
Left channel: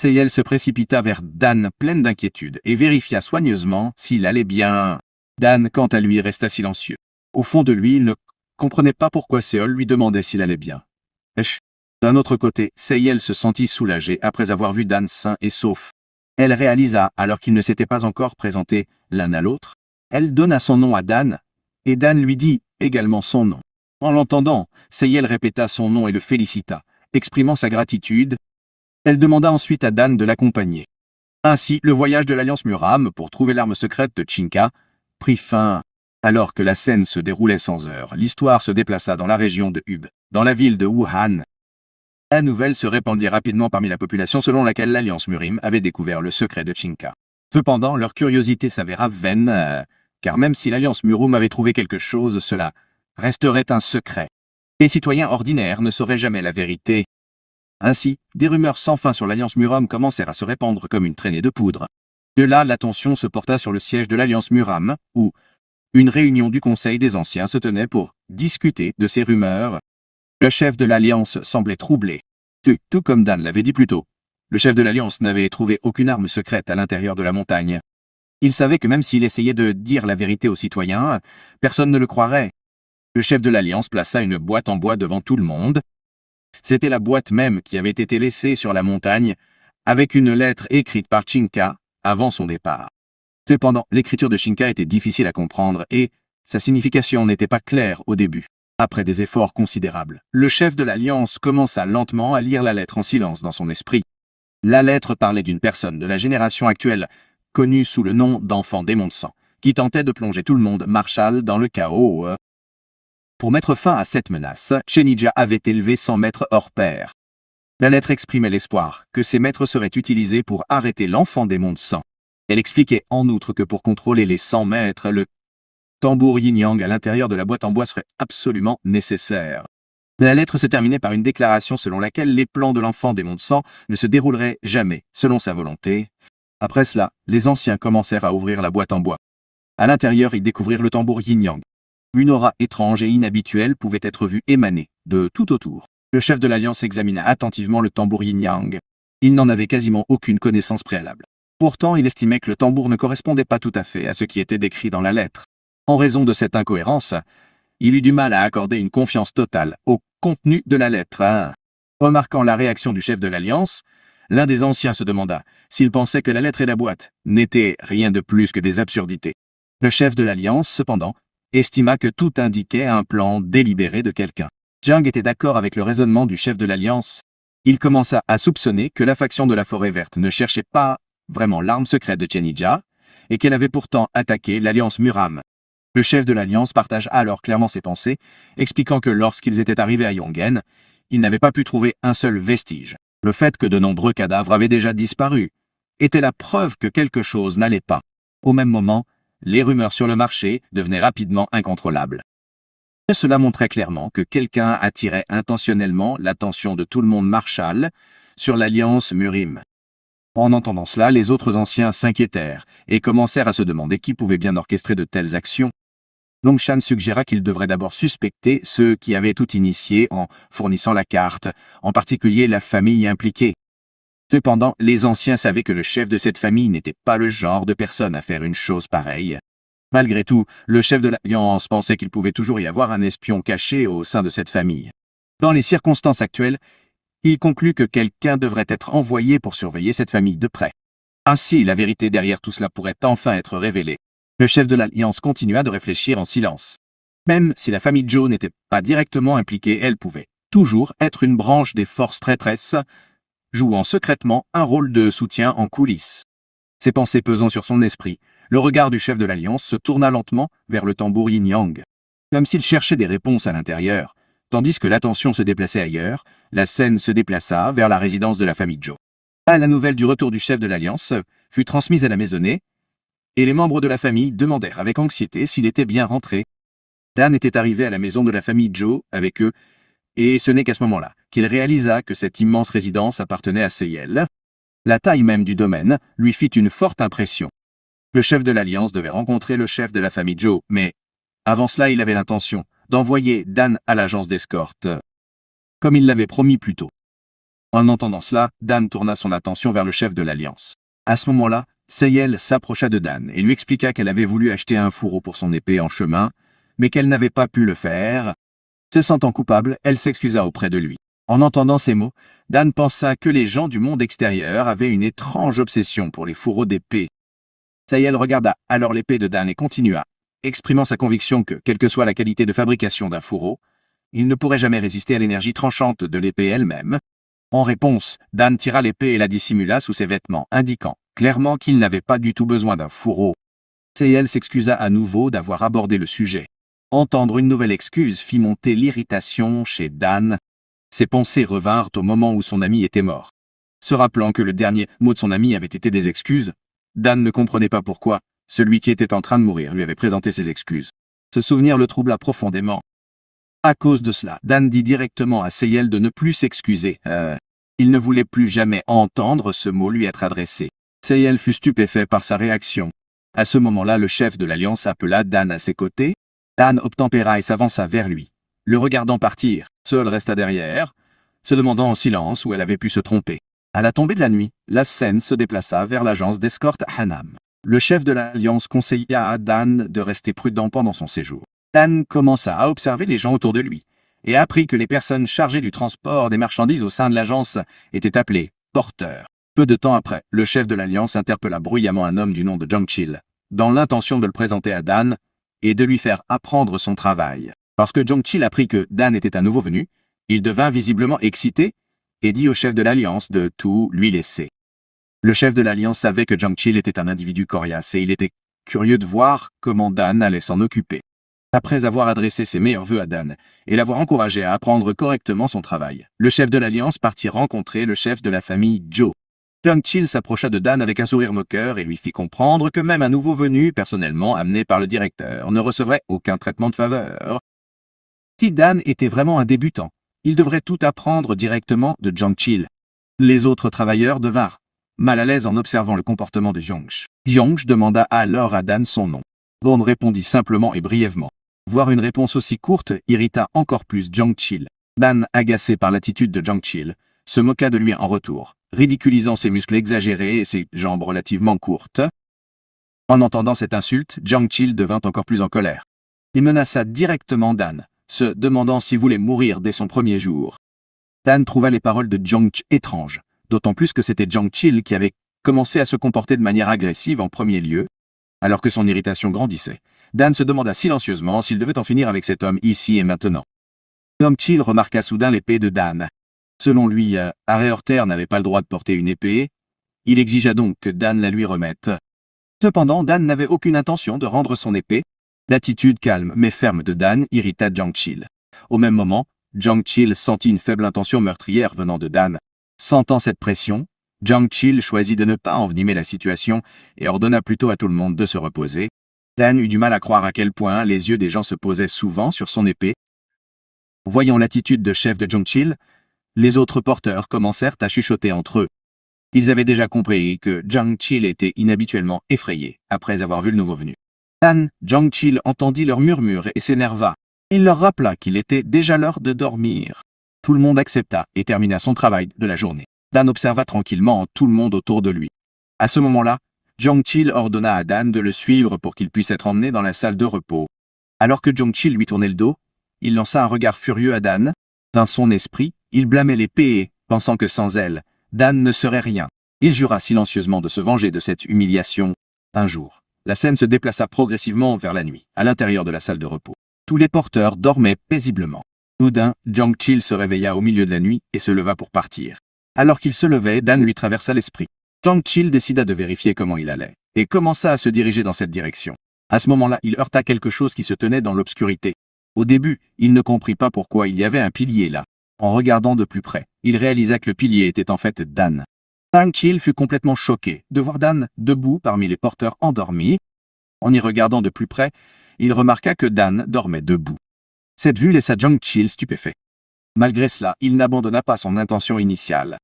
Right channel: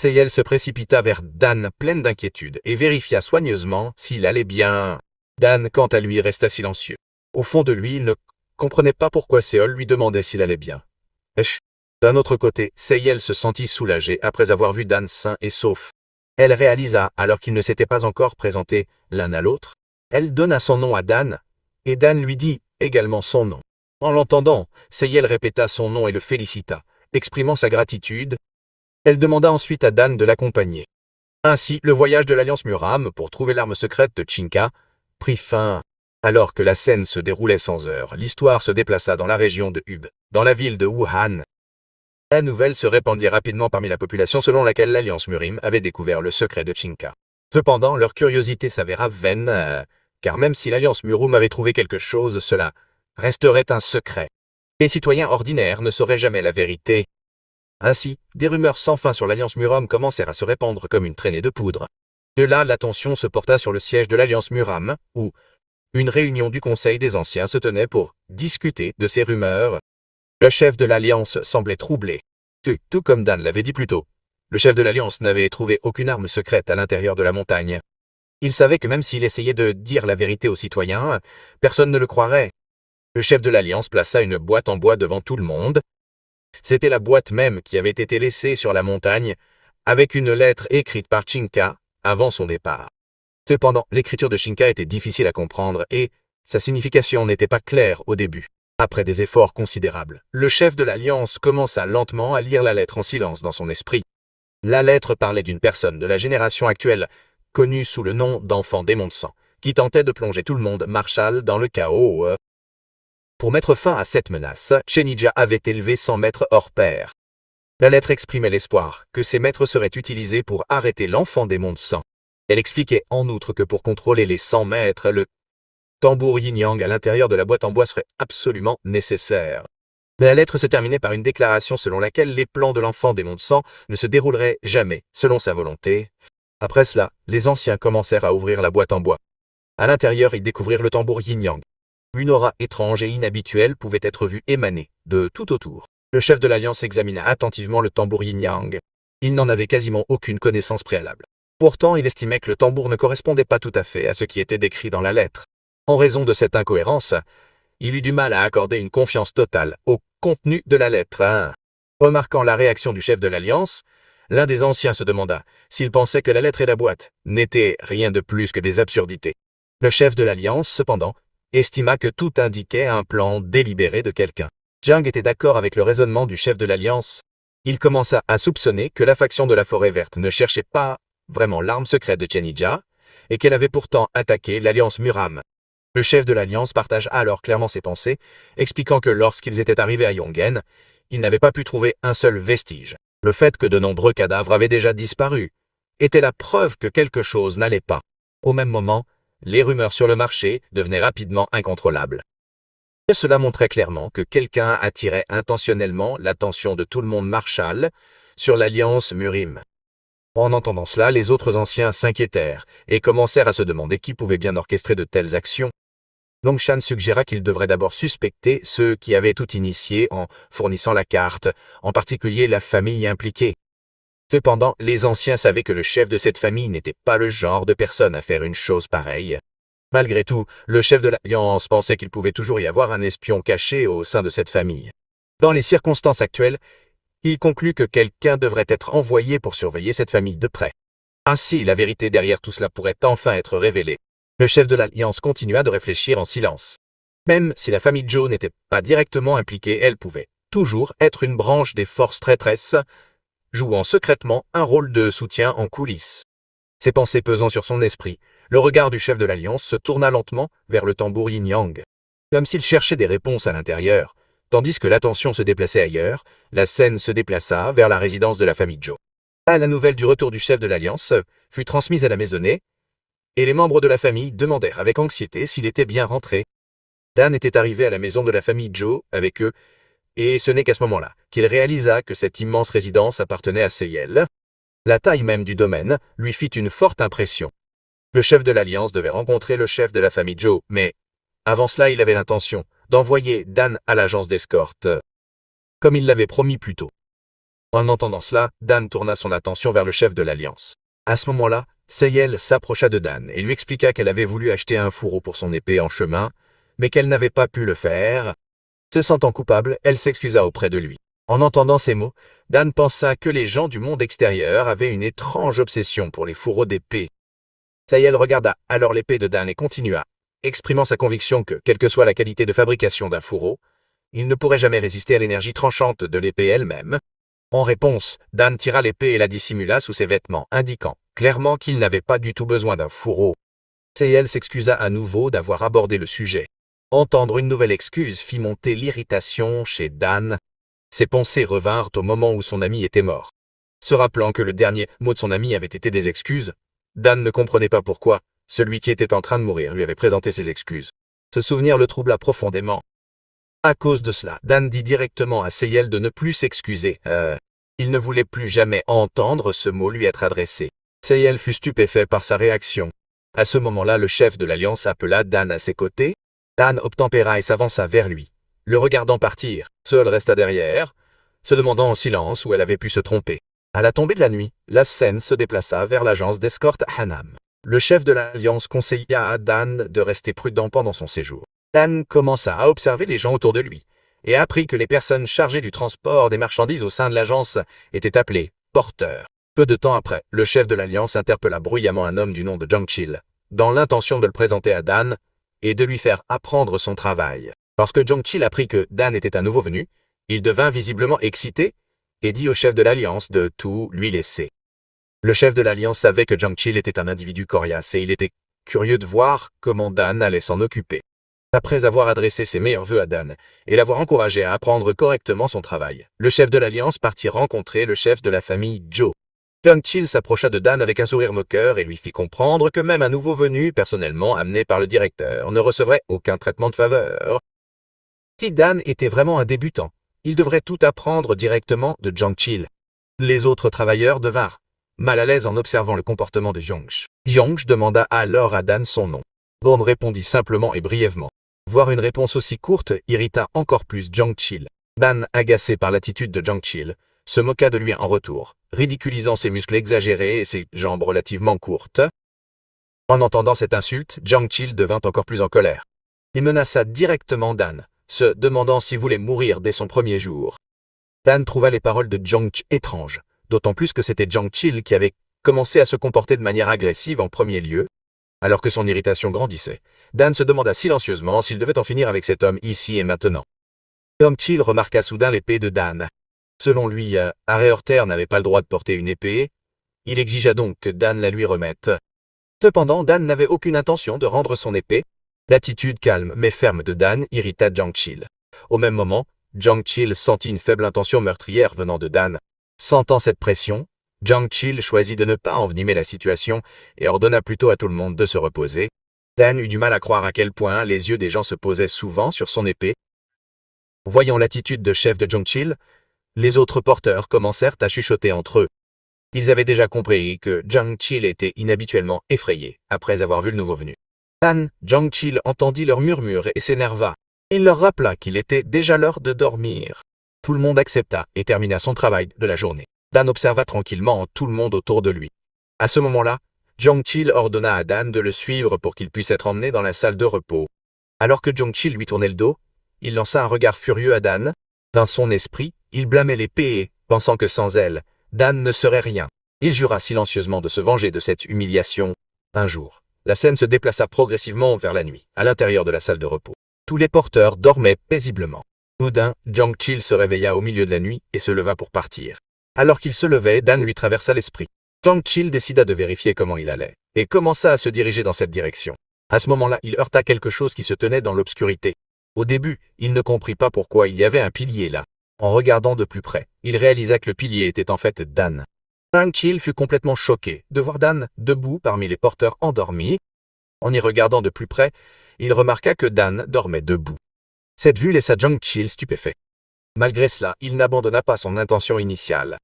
Seyel se précipita vers Dan pleine d'inquiétude et vérifia soigneusement s'il allait bien. Dan, quant à lui, resta silencieux. Au fond de lui, il ne comprenait pas pourquoi Séol lui demandait s'il allait bien. D'un autre côté, Seyel se sentit soulagée après avoir vu Dan sain et sauf. Elle réalisa, alors qu'ils ne s'étaient pas encore présentés l'un à l'autre, elle donna son nom à Dan, et Dan lui dit également son nom. En l'entendant, Seyel répéta son nom et le félicita, exprimant sa gratitude. Elle demanda ensuite à Dan de l'accompagner. Ainsi, le voyage de l'Alliance Muram pour trouver l'arme secrète de Chinka prit fin. Alors que la scène se déroulait sans heure, l'histoire se déplaça dans la région de Hub, dans la ville de Wuhan. La nouvelle se répandit rapidement parmi la population selon laquelle l'Alliance Murim avait découvert le secret de Chinka. Cependant, leur curiosité s'avéra vaine, car même si l'Alliance Murum avait trouvé quelque chose, cela resterait un secret. Les citoyens ordinaires ne sauraient jamais la vérité. Ainsi, des rumeurs sans fin sur l'Alliance Muram commencèrent à se répandre comme une traînée de poudre. De là, l'attention se porta sur le siège de l'Alliance Muram, où une réunion du Conseil des Anciens se tenait pour discuter de ces rumeurs. Le chef de l'Alliance semblait troublé. Tout comme Dan l'avait dit plus tôt, le chef de l'Alliance n'avait trouvé aucune arme secrète à l'intérieur de la montagne. Il savait que même s'il essayait de dire la vérité aux citoyens, personne ne le croirait. Le chef de l'Alliance plaça une boîte en bois devant tout le monde. C'était la boîte même qui avait été laissée sur la montagne, avec une lettre écrite par Chinka avant son départ. Cependant, l'écriture de Chinka était difficile à comprendre et sa signification n'était pas claire au début. Après des efforts considérables, le chef de l'Alliance commença lentement à lire la lettre en silence dans son esprit. La lettre parlait d'une personne de la génération actuelle, connue sous le nom d'enfant démon de sang, qui tentait de plonger tout le monde Marshall dans le chaos. Pour mettre fin à cette menace, Shenija avait élevé 100 maîtres hors pair. La lettre exprimait l'espoir que ces maîtres seraient utilisés pour arrêter l'enfant démon de sang. Elle expliquait en outre que pour contrôler les 100 maîtres, le tambour yin-yang à l'intérieur de la boîte en bois serait absolument nécessaire. La lettre se terminait par une déclaration selon laquelle les plans de l'enfant démon de sang ne se dérouleraient jamais selon sa volonté. Après cela, les anciens commencèrent à ouvrir la boîte en bois. À l'intérieur, ils découvrirent le tambour yin-yang. Une aura étrange et inhabituelle pouvait être vue émaner de tout autour. Le chef de l'Alliance examina attentivement le tambour yin-yang. Il n'en avait quasiment aucune connaissance préalable. Pourtant, il estimait que le tambour ne correspondait pas tout à fait à ce qui était décrit dans la lettre. En raison de cette incohérence, il eut du mal à accorder une confiance totale au contenu de la lettre. Remarquant la réaction du chef de l'Alliance, l'un des anciens se demanda s'il pensait que la lettre et la boîte n'étaient rien de plus que des absurdités. Le chef de l'Alliance, cependant, estima que tout indiquait un plan délibéré de quelqu'un. Jiang était d'accord avec le raisonnement du chef de l'Alliance. Il commença à soupçonner que la faction de la Forêt Verte ne cherchait pas vraiment l'arme secrète de Shenija, et qu'elle avait pourtant attaqué l'Alliance Muram. Le chef de l'Alliance partagea alors clairement ses pensées, expliquant que lorsqu'ils étaient arrivés à Yongen, ils n'avaient pas pu trouver un seul vestige. Le fait que de nombreux cadavres avaient déjà disparu était la preuve que quelque chose n'allait pas. Au même moment, les rumeurs sur le marché devenaient rapidement incontrôlables. Cela montrait clairement que quelqu'un attirait intentionnellement l'attention de tout le monde Marshall sur l'Alliance Murim. En entendant cela, les autres anciens s'inquiétèrent et commencèrent à se demander qui pouvait bien orchestrer de telles actions. Longshan suggéra qu'il devrait d'abord suspecter ceux qui avaient tout initié en fournissant la carte, en particulier la famille impliquée. Cependant, les anciens savaient que le chef de cette famille n'était pas le genre de personne à faire une chose pareille. Malgré tout, le chef de l'Alliance pensait qu'il pouvait toujours y avoir un espion caché au sein de cette famille. Dans les circonstances actuelles, il conclut que quelqu'un devrait être envoyé pour surveiller cette famille de près. Ainsi, la vérité derrière tout cela pourrait enfin être révélée. Le chef de l'Alliance continua de réfléchir en silence. Même si la famille Zhou n'était pas directement impliquée, elle pouvait toujours être une branche des forces traîtresses, jouant secrètement un rôle de soutien en coulisses. Ses pensées pesant sur son esprit, le regard du chef de l'Alliance se tourna lentement vers le tambour yin-yang. Comme s'il cherchait des réponses à l'intérieur, tandis que l'attention se déplaçait ailleurs, la scène se déplaça vers la résidence de la famille Zhou. La nouvelle du retour du chef de l'Alliance fut transmise à la maisonnée, et les membres de la famille demandèrent avec anxiété s'il était bien rentré. Dan était arrivé à la maison de la famille Zhou avec eux, et ce n'est qu'à ce moment-là qu'il réalisa que cette immense résidence appartenait à Seyel. La taille même du domaine lui fit une forte impression. Le chef de l'Alliance devait rencontrer le chef de la famille Zhou, mais Avant cela, il avait l'intention d'envoyer Dan à l'agence d'escorte, comme il l'avait promis plus tôt. En entendant cela, Dan tourna son attention vers le chef de l'Alliance. À ce moment-là, Sayel s'approcha de Dan et lui expliqua qu'elle avait voulu acheter un fourreau pour son épée en chemin, mais qu'elle n'avait pas pu le faire. Se sentant coupable, elle s'excusa auprès de lui. En entendant ces mots, Dan pensa que les gens du monde extérieur avaient une étrange obsession pour les fourreaux d'épée. Sayel regarda alors l'épée de Dan et continua, exprimant sa conviction que, quelle que soit la qualité de fabrication d'un fourreau, il ne pourrait jamais résister à l'énergie tranchante de l'épée elle-même. En réponse, Dan tira l'épée et la dissimula sous ses vêtements, indiquant clairement qu'il n'avait pas du tout besoin d'un fourreau. Sayel s'excusa à nouveau d'avoir abordé le sujet. Entendre une nouvelle excuse fit monter l'irritation chez Dan. Ses pensées revinrent au moment où son ami était mort. Se rappelant que le dernier mot de son ami avait été des excuses, Dan ne comprenait pas pourquoi celui qui était en train de mourir lui avait présenté ses excuses. Ce souvenir le troubla profondément. À cause de cela, Dan dit directement à Sayel de ne plus s'excuser. Il ne voulait plus jamais entendre ce mot lui être adressé. Sayel fut stupéfait par sa réaction. À ce moment-là, le chef de l'Alliance appela Dan à ses côtés. Dan obtempéra et s'avança vers lui. Le regardant partir, Seul resta derrière, se demandant en silence où elle avait pu se tromper. À la tombée de la nuit, la scène se déplaça vers l'agence d'escorte Hanam. Le chef de l'Alliance conseilla à Dan de rester prudent pendant son séjour. Dan commença à observer les gens autour de lui et apprit que les personnes chargées du transport des marchandises au sein de l'agence étaient appelées porteurs. Peu de temps après, le chef de l'Alliance interpella bruyamment un homme du nom de Jongchil, dans l'intention de le présenter à Dan et de lui faire apprendre son travail. Lorsque Jongchil apprit que Dan était un nouveau venu, il devint visiblement excité et dit au chef de l'Alliance de tout lui laisser. Le chef de l'Alliance savait que Jongchil était un individu coriace et il était curieux de voir comment Dan allait s'en occuper. Après avoir adressé ses meilleurs vœux à Dan et l'avoir encouragé à apprendre correctement son travail, le chef de l'Alliance partit rencontrer le chef de la famille Joe. Jongchil s'approcha de Dan avec un sourire moqueur et lui fit comprendre que même un nouveau venu, personnellement amené par le directeur, ne recevrait aucun traitement de faveur. Si Dan était vraiment un débutant, il devrait tout apprendre directement de Jongchil. Les autres travailleurs devinrent mal à l'aise en observant le comportement de Jongch. Jongch demanda alors à Dan son nom. Dan répondit simplement et brièvement. Voir une réponse aussi courte irrita encore plus Jongchil. Dan, agacé par l'attitude de Jongchil, se moqua de lui en retour, ridiculisant ses muscles exagérés et ses jambes relativement courtes. En entendant cette insulte, Jongchil devint encore plus en colère. Il menaça directement Dan, se demandant s'il voulait mourir dès son premier jour. Dan trouva les paroles de Jongch étranges, d'autant plus que c'était Jongchil qui avait commencé à se comporter de manière agressive en premier lieu. Alors que son irritation grandissait, Dan se demanda silencieusement s'il devait en finir avec cet homme ici et maintenant. Jongchil remarqua soudain l'épée de Dan. Selon lui, Areorter n'avait pas le droit de porter une épée. Il exigea donc que Dan la lui remette. Cependant, Dan n'avait aucune intention de rendre son épée. L'attitude calme mais ferme de Dan irrita Jongchil. Au même moment, Jongchil sentit une faible intention meurtrière venant de Dan. Sentant cette pression, Jongchil choisit de ne pas envenimer la situation et ordonna plutôt à tout le monde de se reposer. Dan eut du mal à croire à quel point les yeux des gens se posaient souvent sur son épée. Voyant l'attitude de chef de Jongchil, les autres porteurs commencèrent à chuchoter entre eux. Ils avaient déjà compris que Jongchil était inhabituellement effrayé après avoir vu le nouveau venu. Dan, Jongchil entendit leurs murmures et s'énerva. Il leur rappela qu'il était déjà l'heure de dormir. Tout le monde accepta et termina son travail de la journée. Dan observa tranquillement tout le monde autour de lui. À ce moment-là, Jongchil ordonna à Dan de le suivre pour qu'il puisse être emmené dans la salle de repos. Alors que Jongchil lui tournait le dos, il lança un regard furieux à Dan. Dans son esprit, il blâmait l'épée et, pensant que sans elle, Dan ne serait rien. Il jura silencieusement de se venger de cette humiliation. Un jour, la scène se déplaça progressivement vers la nuit, à l'intérieur de la salle de repos. Tous les porteurs dormaient paisiblement. Soudain, Jongchil se réveilla au milieu de la nuit et se leva pour partir. Alors qu'il se levait, Dan lui traversa l'esprit. Jongchil décida de vérifier comment il allait, et commença à se diriger dans cette direction. À ce moment-là, il heurta quelque chose qui se tenait dans l'obscurité. Au début, il ne comprit pas pourquoi il y avait un pilier là. En regardant de plus près, il réalisa que le pilier était en fait Dan. Jongchil fut complètement choqué de voir Dan debout parmi les porteurs endormis. En y regardant de plus près, il remarqua que Dan dormait debout. Cette vue laissa Jongchil stupéfait. Malgré cela, il n'abandonna pas son intention initiale.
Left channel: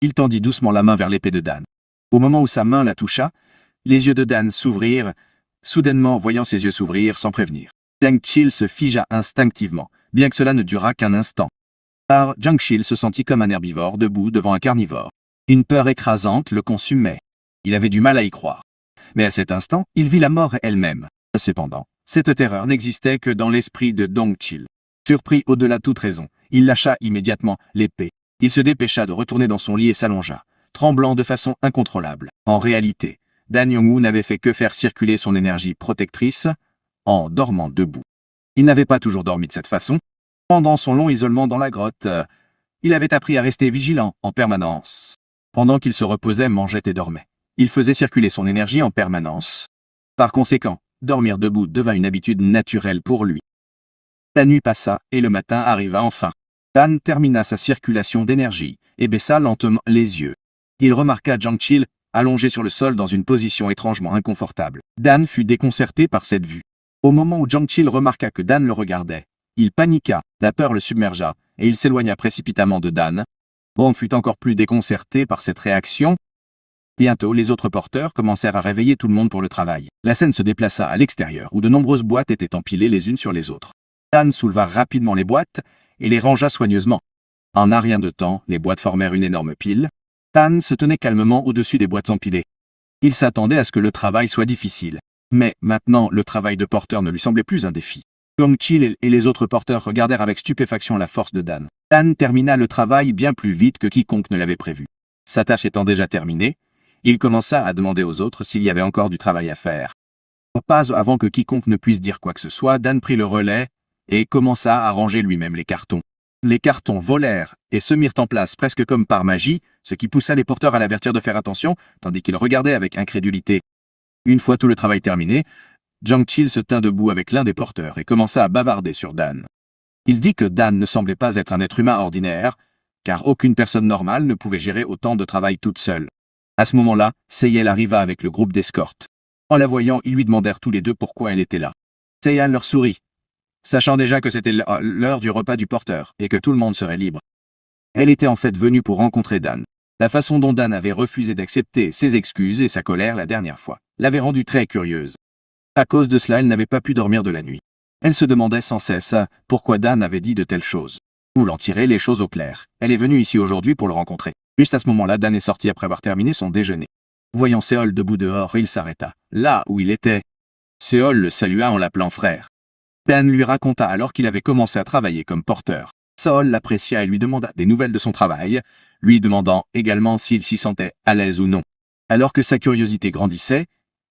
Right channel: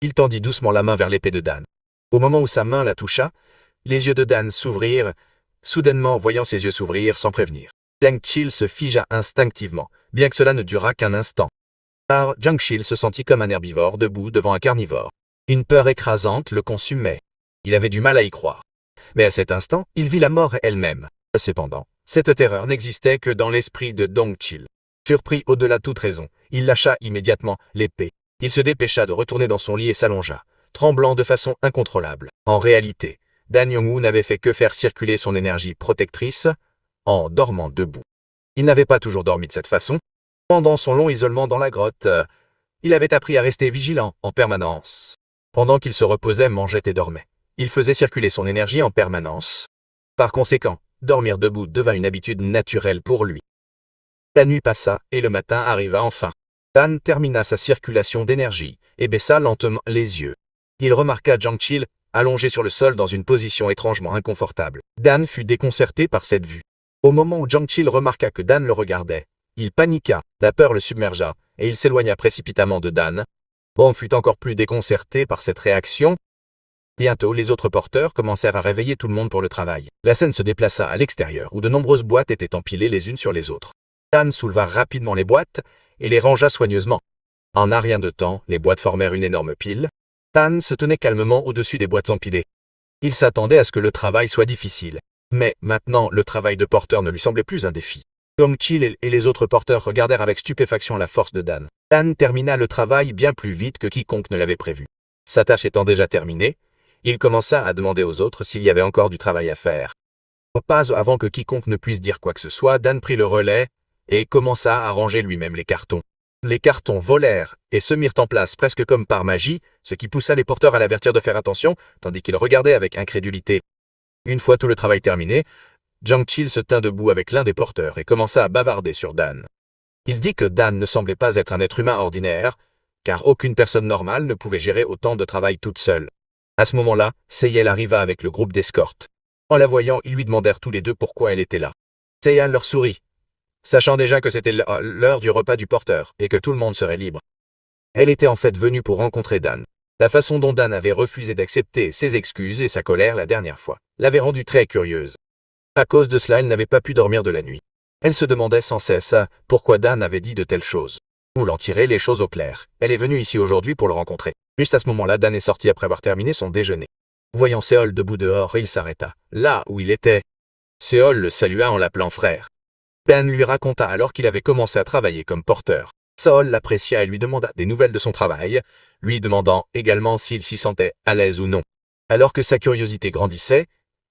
Il tendit doucement la main vers l'épée de Dan. Au moment où sa main la toucha, les yeux de Dan s'ouvrirent, soudainement voyant ses yeux s'ouvrir sans prévenir. Jiang Chil se figea instinctivement, bien que cela ne durât qu'un instant. Car Jiang Chil se sentit comme un herbivore debout devant un carnivore. Une peur écrasante le consumait. Il avait du mal à y croire. Mais à cet instant, il vit la mort elle-même. Cependant, cette terreur n'existait que dans l'esprit de Dong Chil. Surpris au-delà de toute raison, il lâcha immédiatement l'épée. Il se dépêcha de retourner dans son lit et s'allongea, tremblant de façon incontrôlable. En réalité, Dan Yong-woo n'avait fait que faire circuler son énergie protectrice en dormant debout. Il n'avait pas toujours dormi de cette façon. Pendant son long isolement dans la grotte, il avait appris à rester vigilant en permanence. Pendant qu'il se reposait, mangeait et dormait, il faisait circuler son énergie en permanence. Par conséquent, dormir debout devint une habitude naturelle pour lui. La nuit passa et le matin arriva enfin. Dan termina sa circulation d'énergie et baissa lentement les yeux. Il remarqua Jiang Chil allongé sur le sol dans une position étrangement inconfortable. Dan fut déconcerté par cette vue. Au moment où Jiang Chil remarqua que Dan le regardait, il paniqua, la peur le submergea, et il s'éloigna précipitamment de Dan. Bond fut encore plus déconcerté par cette réaction. Bientôt, les autres porteurs commencèrent à réveiller tout le monde pour le travail. La scène se déplaça à l'extérieur, où de nombreuses boîtes étaient empilées les unes sur les autres. Dan souleva rapidement les boîtes et les rangea soigneusement. En un rien de temps, les boîtes formèrent une énorme pile. Dan se tenait calmement au-dessus des boîtes empilées. Il s'attendait à ce que le travail soit difficile. Mais maintenant, le travail de porteur ne lui semblait plus un défi. Dong Chil et les autres porteurs regardèrent avec stupéfaction la force de Dan. Dan termina le travail bien plus vite que quiconque ne l'avait prévu. Sa tâche étant déjà terminée, il commença à demander aux autres s'il y avait encore du travail à faire. Pas avant que quiconque ne puisse dire quoi que ce soit, Dan prit le relais et commença à ranger lui-même les cartons. Les cartons volèrent et se mirent en place presque comme par magie, ce qui poussa les porteurs à l'avertir de faire attention, tandis qu'ils regardaient avec incrédulité. Une fois tout le travail terminé, Jiang Chil se tint debout avec l'un des porteurs et commença à bavarder sur Dan. Il dit que Dan ne semblait pas être un être humain ordinaire, car aucune personne normale ne pouvait gérer autant de travail toute seule. À ce moment-là, Seyel arriva avec le groupe d'escorte. En la voyant, ils lui demandèrent tous les deux pourquoi elle était là. Seyel leur sourit, sachant déjà que c'était l'heure du repas du porteur et que tout le monde serait libre. Elle était en fait venue pour rencontrer Dan. La façon dont Dan avait refusé d'accepter ses excuses et sa colère la dernière fois l'avait rendue très curieuse. À cause de cela, elle n'avait pas pu dormir de la nuit. Elle se demandait sans cesse pourquoi Dan avait dit de telles choses. Voulant tirer les choses au clair, elle est venue ici aujourd'hui pour le rencontrer. Juste à ce moment-là, Dan est sorti après avoir terminé son déjeuner. Voyant Seol debout dehors, il s'arrêta, là où il était. Seol le salua en l'appelant frère. Dan lui raconta alors qu'il avait commencé à travailler comme porteur. Seol l'apprécia et lui demanda des nouvelles de son travail, lui demandant également s'il s'y sentait à l'aise ou non. Alors que sa curiosité grandissait,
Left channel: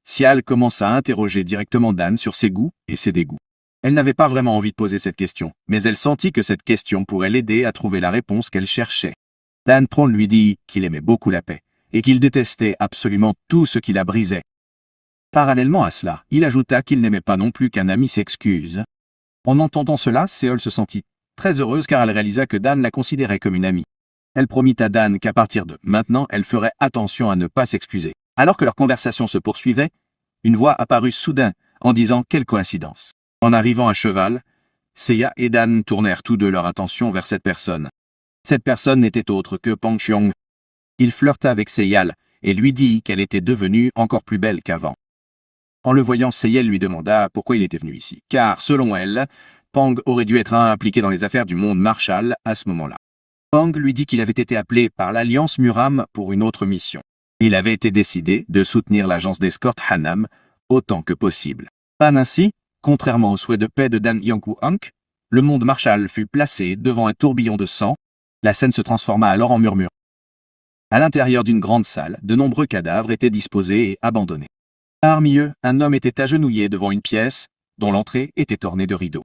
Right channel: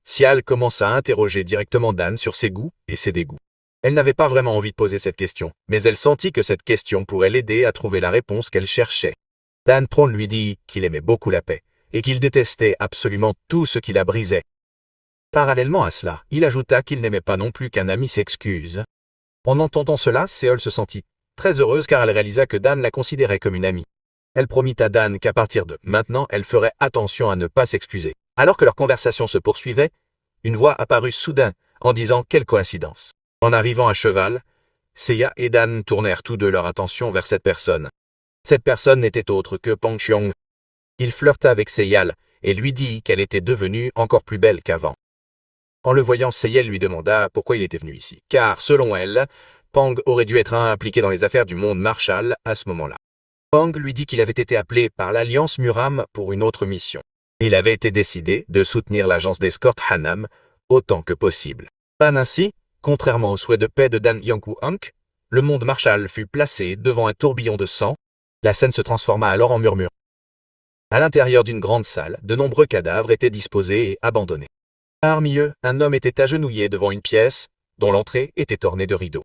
Sial commença à interroger directement Dan sur ses goûts et ses dégoûts. Elle n'avait pas vraiment envie de poser cette question, mais elle sentit que cette question pourrait l'aider à trouver la réponse qu'elle cherchait. Dan Pron lui dit qu'il aimait beaucoup la paix, et qu'il détestait absolument tout ce qui la brisait. Parallèlement à cela, il ajouta qu'il n'aimait pas non plus qu'un ami s'excuse. En entendant cela, Seol se sentit très heureuse car elle réalisa que Dan la considérait comme une amie. Elle promit à Dan qu'à partir de maintenant, elle ferait attention à ne pas s'excuser. Alors que leur conversation se poursuivait, une voix apparut soudain en disant « Quelle coïncidence !» En arrivant à cheval, Seiya et Dan tournèrent tous deux leur attention vers cette personne. Cette personne n'était autre que Pang Xiong. Il flirta avec Seyal et lui dit qu'elle était devenue encore plus belle qu'avant. En le voyant, Seyal lui demanda pourquoi il était venu ici, car selon elle, Pang aurait dû être impliqué dans les affaires du monde Marshall à ce moment-là. Pang lui dit qu'il avait été appelé par l'Alliance Muram pour une autre mission. Il avait été décidé de soutenir l'agence d'escorte Hanam autant que possible. Pas ainsi, contrairement au souhait de paix de Dan Yongku-Hank, le monde Marshall fut placé devant un tourbillon de sang. La scène se transforma alors en murmure. À l'intérieur d'une grande salle, de nombreux cadavres étaient disposés et abandonnés. Parmi eux, un homme était agenouillé devant une pièce, dont l'entrée était ornée de rideaux.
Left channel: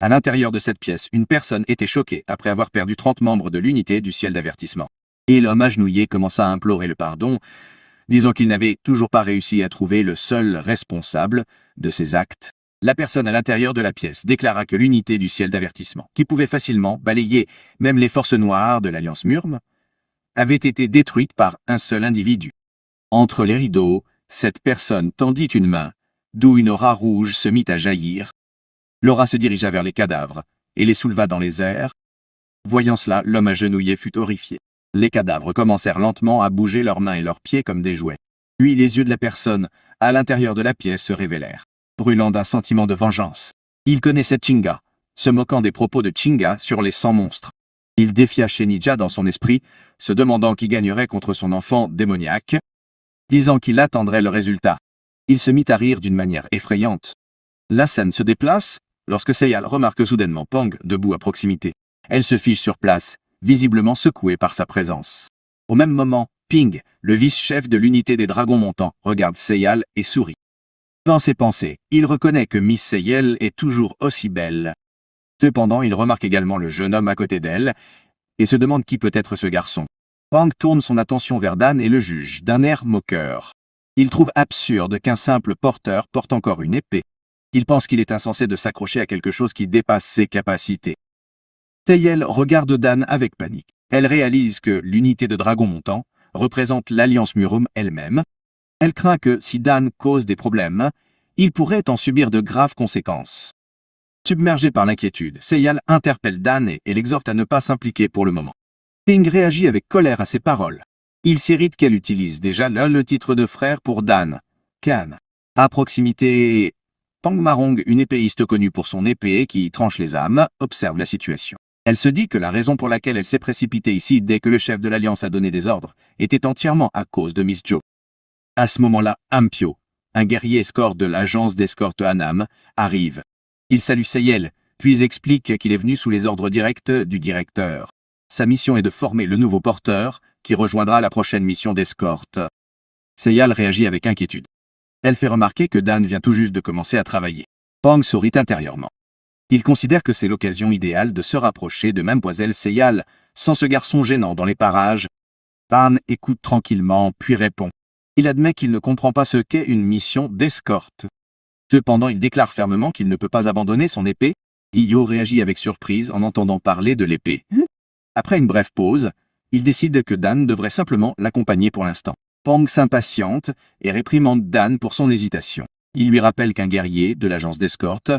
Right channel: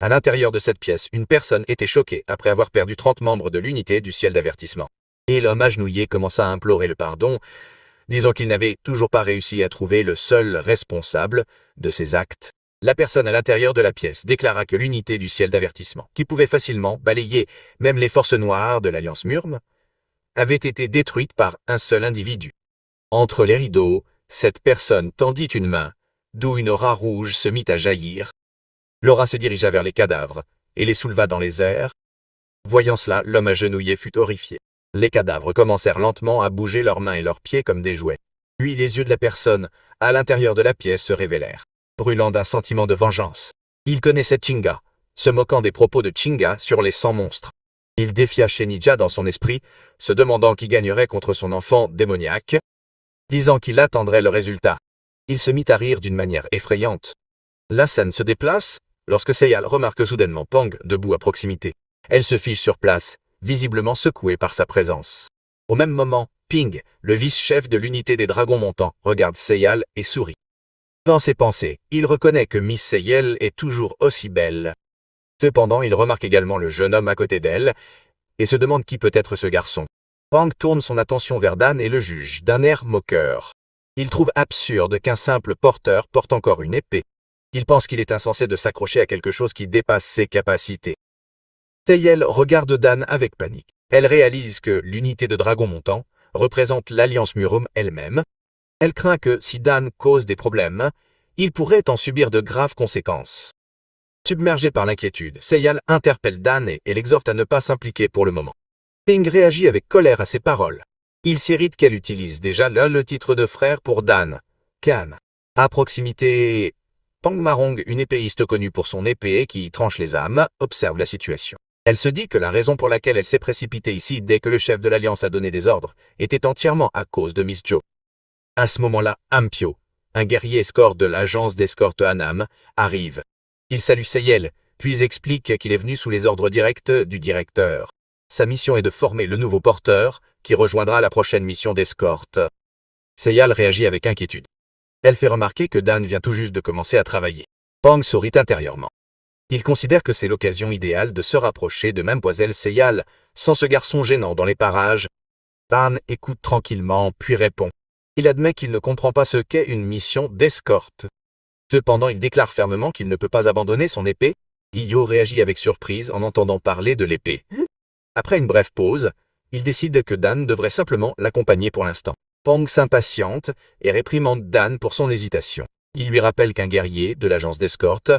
À l'intérieur de cette pièce, une personne était choquée après avoir perdu 30 membres de l'unité du ciel d'avertissement. Et l'homme agenouillé commença à implorer le pardon, disant qu'il n'avait toujours pas réussi à trouver le seul responsable de ses actes. La personne à l'intérieur de la pièce déclara que l'unité du ciel d'avertissement, qui pouvait facilement balayer même les forces noires de l'Alliance Murm, avait été détruite par un seul individu. Entre les rideaux, cette personne tendit une main, d'où une aura rouge se mit à jaillir. L'aura se dirigea vers les cadavres et les souleva dans les airs. Voyant cela, l'homme agenouillé fut horrifié. Les cadavres commencèrent lentement à bouger leurs mains et leurs pieds comme des jouets. Puis les yeux de la personne, à l'intérieur de la pièce, se révélèrent, brûlant d'un sentiment de vengeance. Il connaissait Chinga, se moquant des propos de Chinga sur les 100 monstres. Il défia Shenija dans son esprit, se demandant qui gagnerait contre son enfant démoniaque, disant qu'il attendrait le résultat. Il se mit à rire d'une manière effrayante. La scène se déplace, lorsque Seyal remarque soudainement Pang debout à proximité. Elle se fige sur place, visiblement secouée par sa présence. Au même moment, Ping, le vice-chef de l'unité des dragons montants, regarde Seyal et sourit. Dans ses pensées, il reconnaît que Miss Seyal est toujours aussi belle. Cependant, il remarque également le jeune homme à côté d'elle, et se demande qui peut être ce garçon. Pang tourne son attention vers Dan et le juge, d'un air moqueur. Il trouve absurde qu'un simple porteur porte encore une épée. Il pense qu'il est insensé de s'accrocher à quelque chose qui dépasse ses capacités. Seyal regarde Dan avec panique. Elle réalise que l'unité de dragons montants représente l'Alliance Murum elle-même. Elle craint que, si Dan cause des problèmes, il pourrait en subir de graves conséquences. Submergé par l'inquiétude, Seyal interpelle Dan et l'exhorte à ne pas s'impliquer pour le moment. Ping réagit avec colère à ses paroles. Il s'irrite qu'elle utilise déjà le titre de frère pour Dan, Kan. À proximité, Pang Marong, une épéiste connue pour son épée qui tranche les âmes, observe la situation. Elle se dit que la raison pour laquelle elle s'est précipitée ici dès que le chef de l'Alliance a donné des ordres était entièrement à cause de Miss Jo. À ce moment-là, Ampio, un guerrier escorte de l'agence d'escorte Anam, arrive. Il salue Seyal, puis explique qu'il est venu sous les ordres directs du directeur. Sa mission est de former le nouveau porteur, qui rejoindra la prochaine mission d'escorte. Seyal réagit avec inquiétude. Elle fait remarquer que Dan vient tout juste de commencer à travailler. Pang sourit intérieurement. Il considère que c'est l'occasion idéale de se rapprocher de Mademoiselle Seyal, sans ce garçon gênant dans les parages. Dan écoute tranquillement, puis répond. Il admet qu'il ne comprend pas ce qu'est une mission d'escorte. Cependant, il déclare fermement qu'il ne peut pas abandonner son épée. Iyo réagit avec surprise en entendant parler de l'épée. Après une brève pause, il décide que Dan devrait simplement l'accompagner pour l'instant. Pang s'impatiente et réprimande Dan pour son hésitation. Il lui rappelle qu'un guerrier de l'agence d'escorte,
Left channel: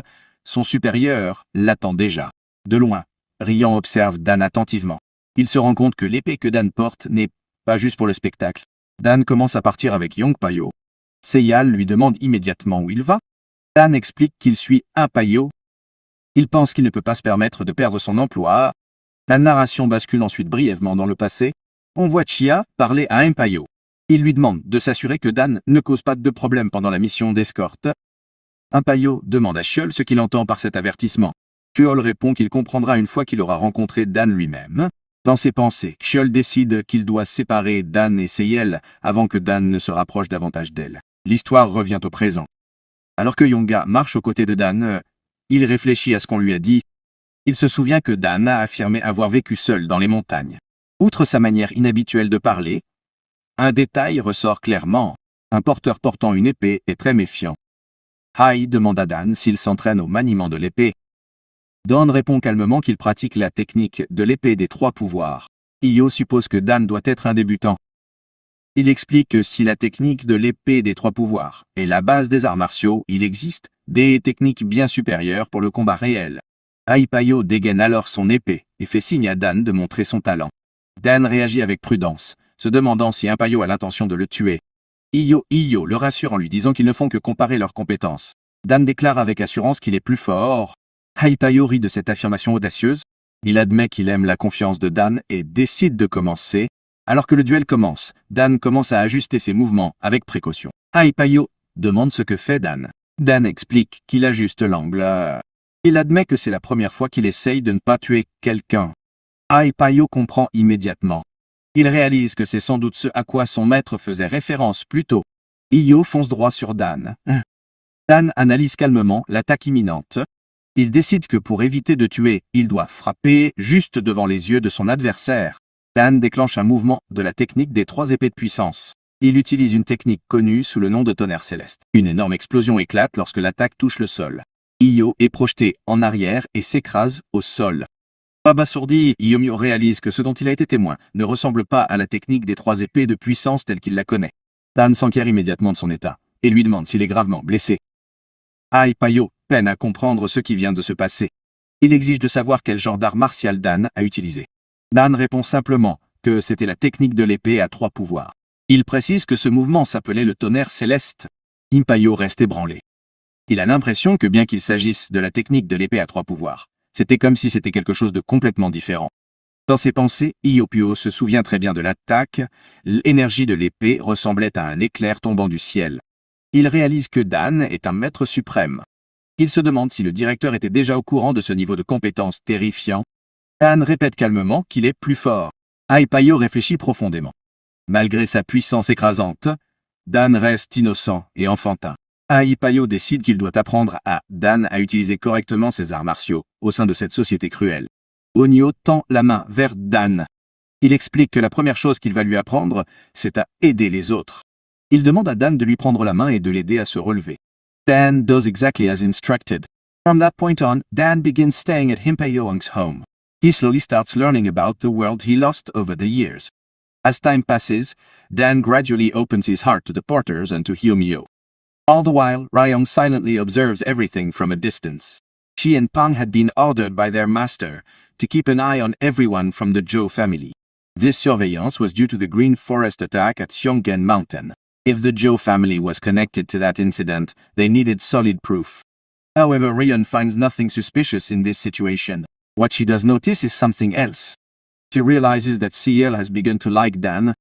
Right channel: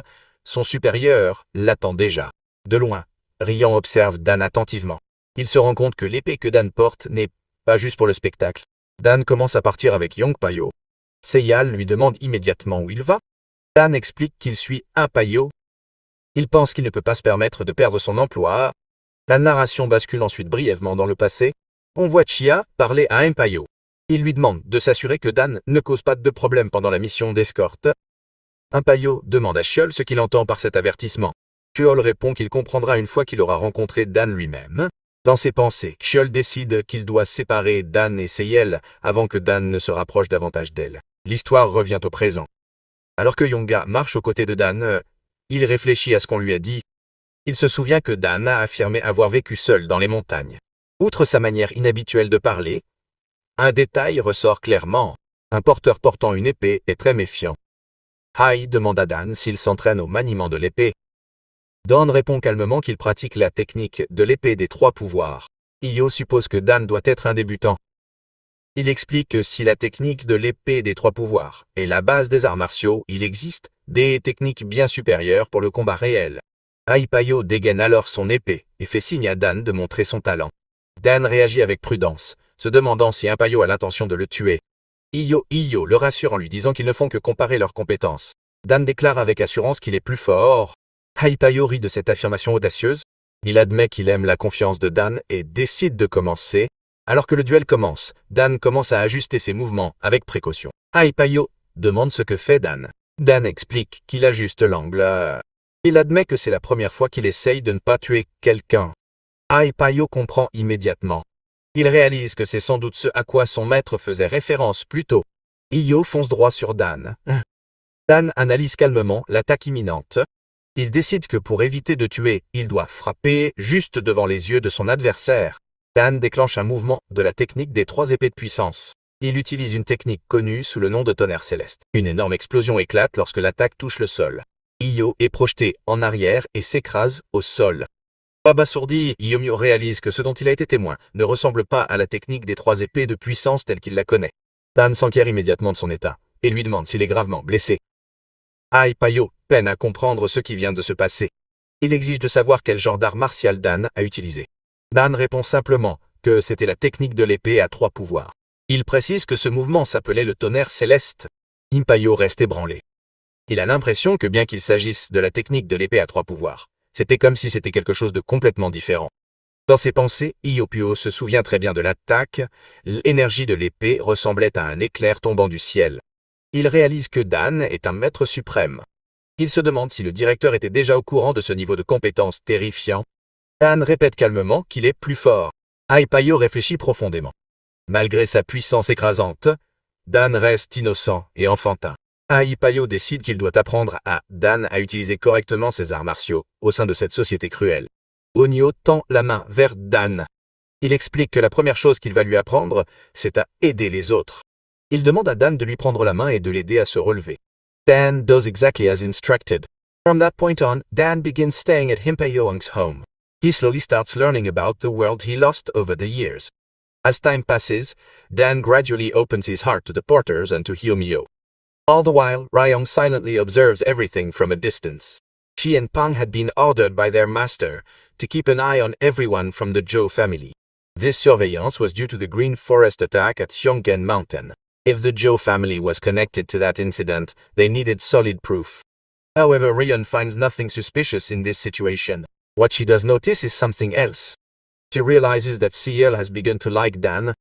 son supérieur, l'attend déjà. De loin, Rian observe Dan attentivement. Il se rend compte que l'épée que Dan porte n'est pas juste pour le spectacle. Dan commence à partir avec Yongpayo. Seyal lui demande immédiatement où il va. Dan explique qu'il suit Impayo. Il pense qu'il ne peut pas se permettre de perdre son emploi. La narration bascule ensuite brièvement dans le passé. On voit Chia parler à Impayo. Il lui demande de s'assurer que Dan ne cause pas de problème pendant la mission d'escorte. Impayo demande à Chiol ce qu'il entend par cet avertissement. Chiol répond qu'il comprendra une fois qu'il aura rencontré Dan lui-même. Dans ses pensées, Chiol décide qu'il doit séparer Dan et Seyal avant que Dan ne se rapproche davantage d'elle. L'histoire revient au présent. Alors que Yonga marche aux côtés de Dan, il réfléchit à ce qu'on lui a dit. Il se souvient que Dan a affirmé avoir vécu seul dans les montagnes. Outre sa manière inhabituelle de parler, un détail ressort clairement. Un porteur portant une épée est très méfiant. Hai demande à Dan s'il s'entraîne au maniement de l'épée. Dan répond calmement qu'il pratique la technique de l'épée des 3 pouvoirs. Iyo suppose que Dan doit être un débutant. Il explique que si la technique de l'épée des 3 pouvoirs est la base des arts martiaux, il existe des techniques bien supérieures pour le combat réel. Impayo dégaine alors son épée et fait signe à Dan de montrer son talent. Dan réagit avec prudence, se demandant si Impayo a l'intention de le tuer. Iyo le rassure en lui disant qu'ils ne font que comparer leurs compétences. Dan déclare avec assurance qu'il est plus fort. Impayo rit de cette affirmation audacieuse. Il admet qu'il aime la confiance de Dan et décide de commencer. Alors que le duel commence, Dan commence à ajuster ses mouvements avec précaution. Impayo demande ce que fait Dan. Dan explique qu'il ajuste l'angle. Il admet que c'est la première fois qu'il essaye de ne pas tuer quelqu'un. Impayo comprend immédiatement. Il réalise que c'est sans doute ce à quoi son maître faisait référence plus tôt. Iyo fonce droit sur Dan. Dan analyse calmement l'attaque imminente. Il décide que pour éviter de tuer, il doit frapper juste devant les yeux de son adversaire. Dan déclenche un mouvement de la technique des 3 épées de puissance. Il utilise une technique connue sous le nom de tonnerre céleste. Une énorme explosion éclate lorsque l'attaque touche le sol. Iyo est projeté en arrière et s'écrase au sol. Abasourdi, Iyomio réalise que ce dont il a été témoin ne ressemble pas à la technique des 3 épées de puissance telle qu'il la connaît. Dan s'enquiert immédiatement de son état et lui demande s'il est gravement blessé. Impayo peine à comprendre ce qui vient de se passer. Il exige de savoir quel genre d'art martial Dan a utilisé. Dan répond simplement que c'était la technique de l'épée à 3 pouvoirs. Il précise que ce mouvement s'appelait le tonnerre céleste. Impayo reste ébranlé. Il a l'impression que bien qu'il s'agisse de la technique de l'épée à 3 pouvoirs, c'était comme si c'était quelque chose de complètement différent. Dans ses pensées, Iopio se souvient très bien de l'attaque, l'énergie de l'épée ressemblait à un éclair tombant du ciel. Il réalise que Dan est un maître suprême. Il se demande si le directeur était déjà au courant de ce niveau de compétence terrifiant. Dan répète calmement qu'il est plus fort. Aipayo réfléchit profondément. Malgré sa puissance écrasante, Dan reste innocent et enfantin. Aipayo décide qu'il doit apprendre à Dan à utiliser correctement ses arts martiaux au sein de cette société cruelle. Onyo tend la main vers Dan. Il explique que la première chose qu'il va lui apprendre, c'est à aider les autres. Il demande à Dan de lui prendre la main et de l'aider à se relever. Dan does exactly as instructed. From that point on, Dan begins staying at Himpayong's home. He slowly starts learning about the world he lost over the years. As time passes, Dan gradually opens his heart to the porters and to Hyomyo. All the while, Ryong silently observes everything from a distance. She and Pang had been ordered by their master to keep an eye on everyone from the Zhou family. This surveillance was due to the Green Forest attack at Xionggen Mountain. If the Zhou family was connected to that incident, they needed solid proof. However, Ryan finds nothing suspicious in this situation. What she does notice is something else. She realizes that Ciel has begun to like Dan.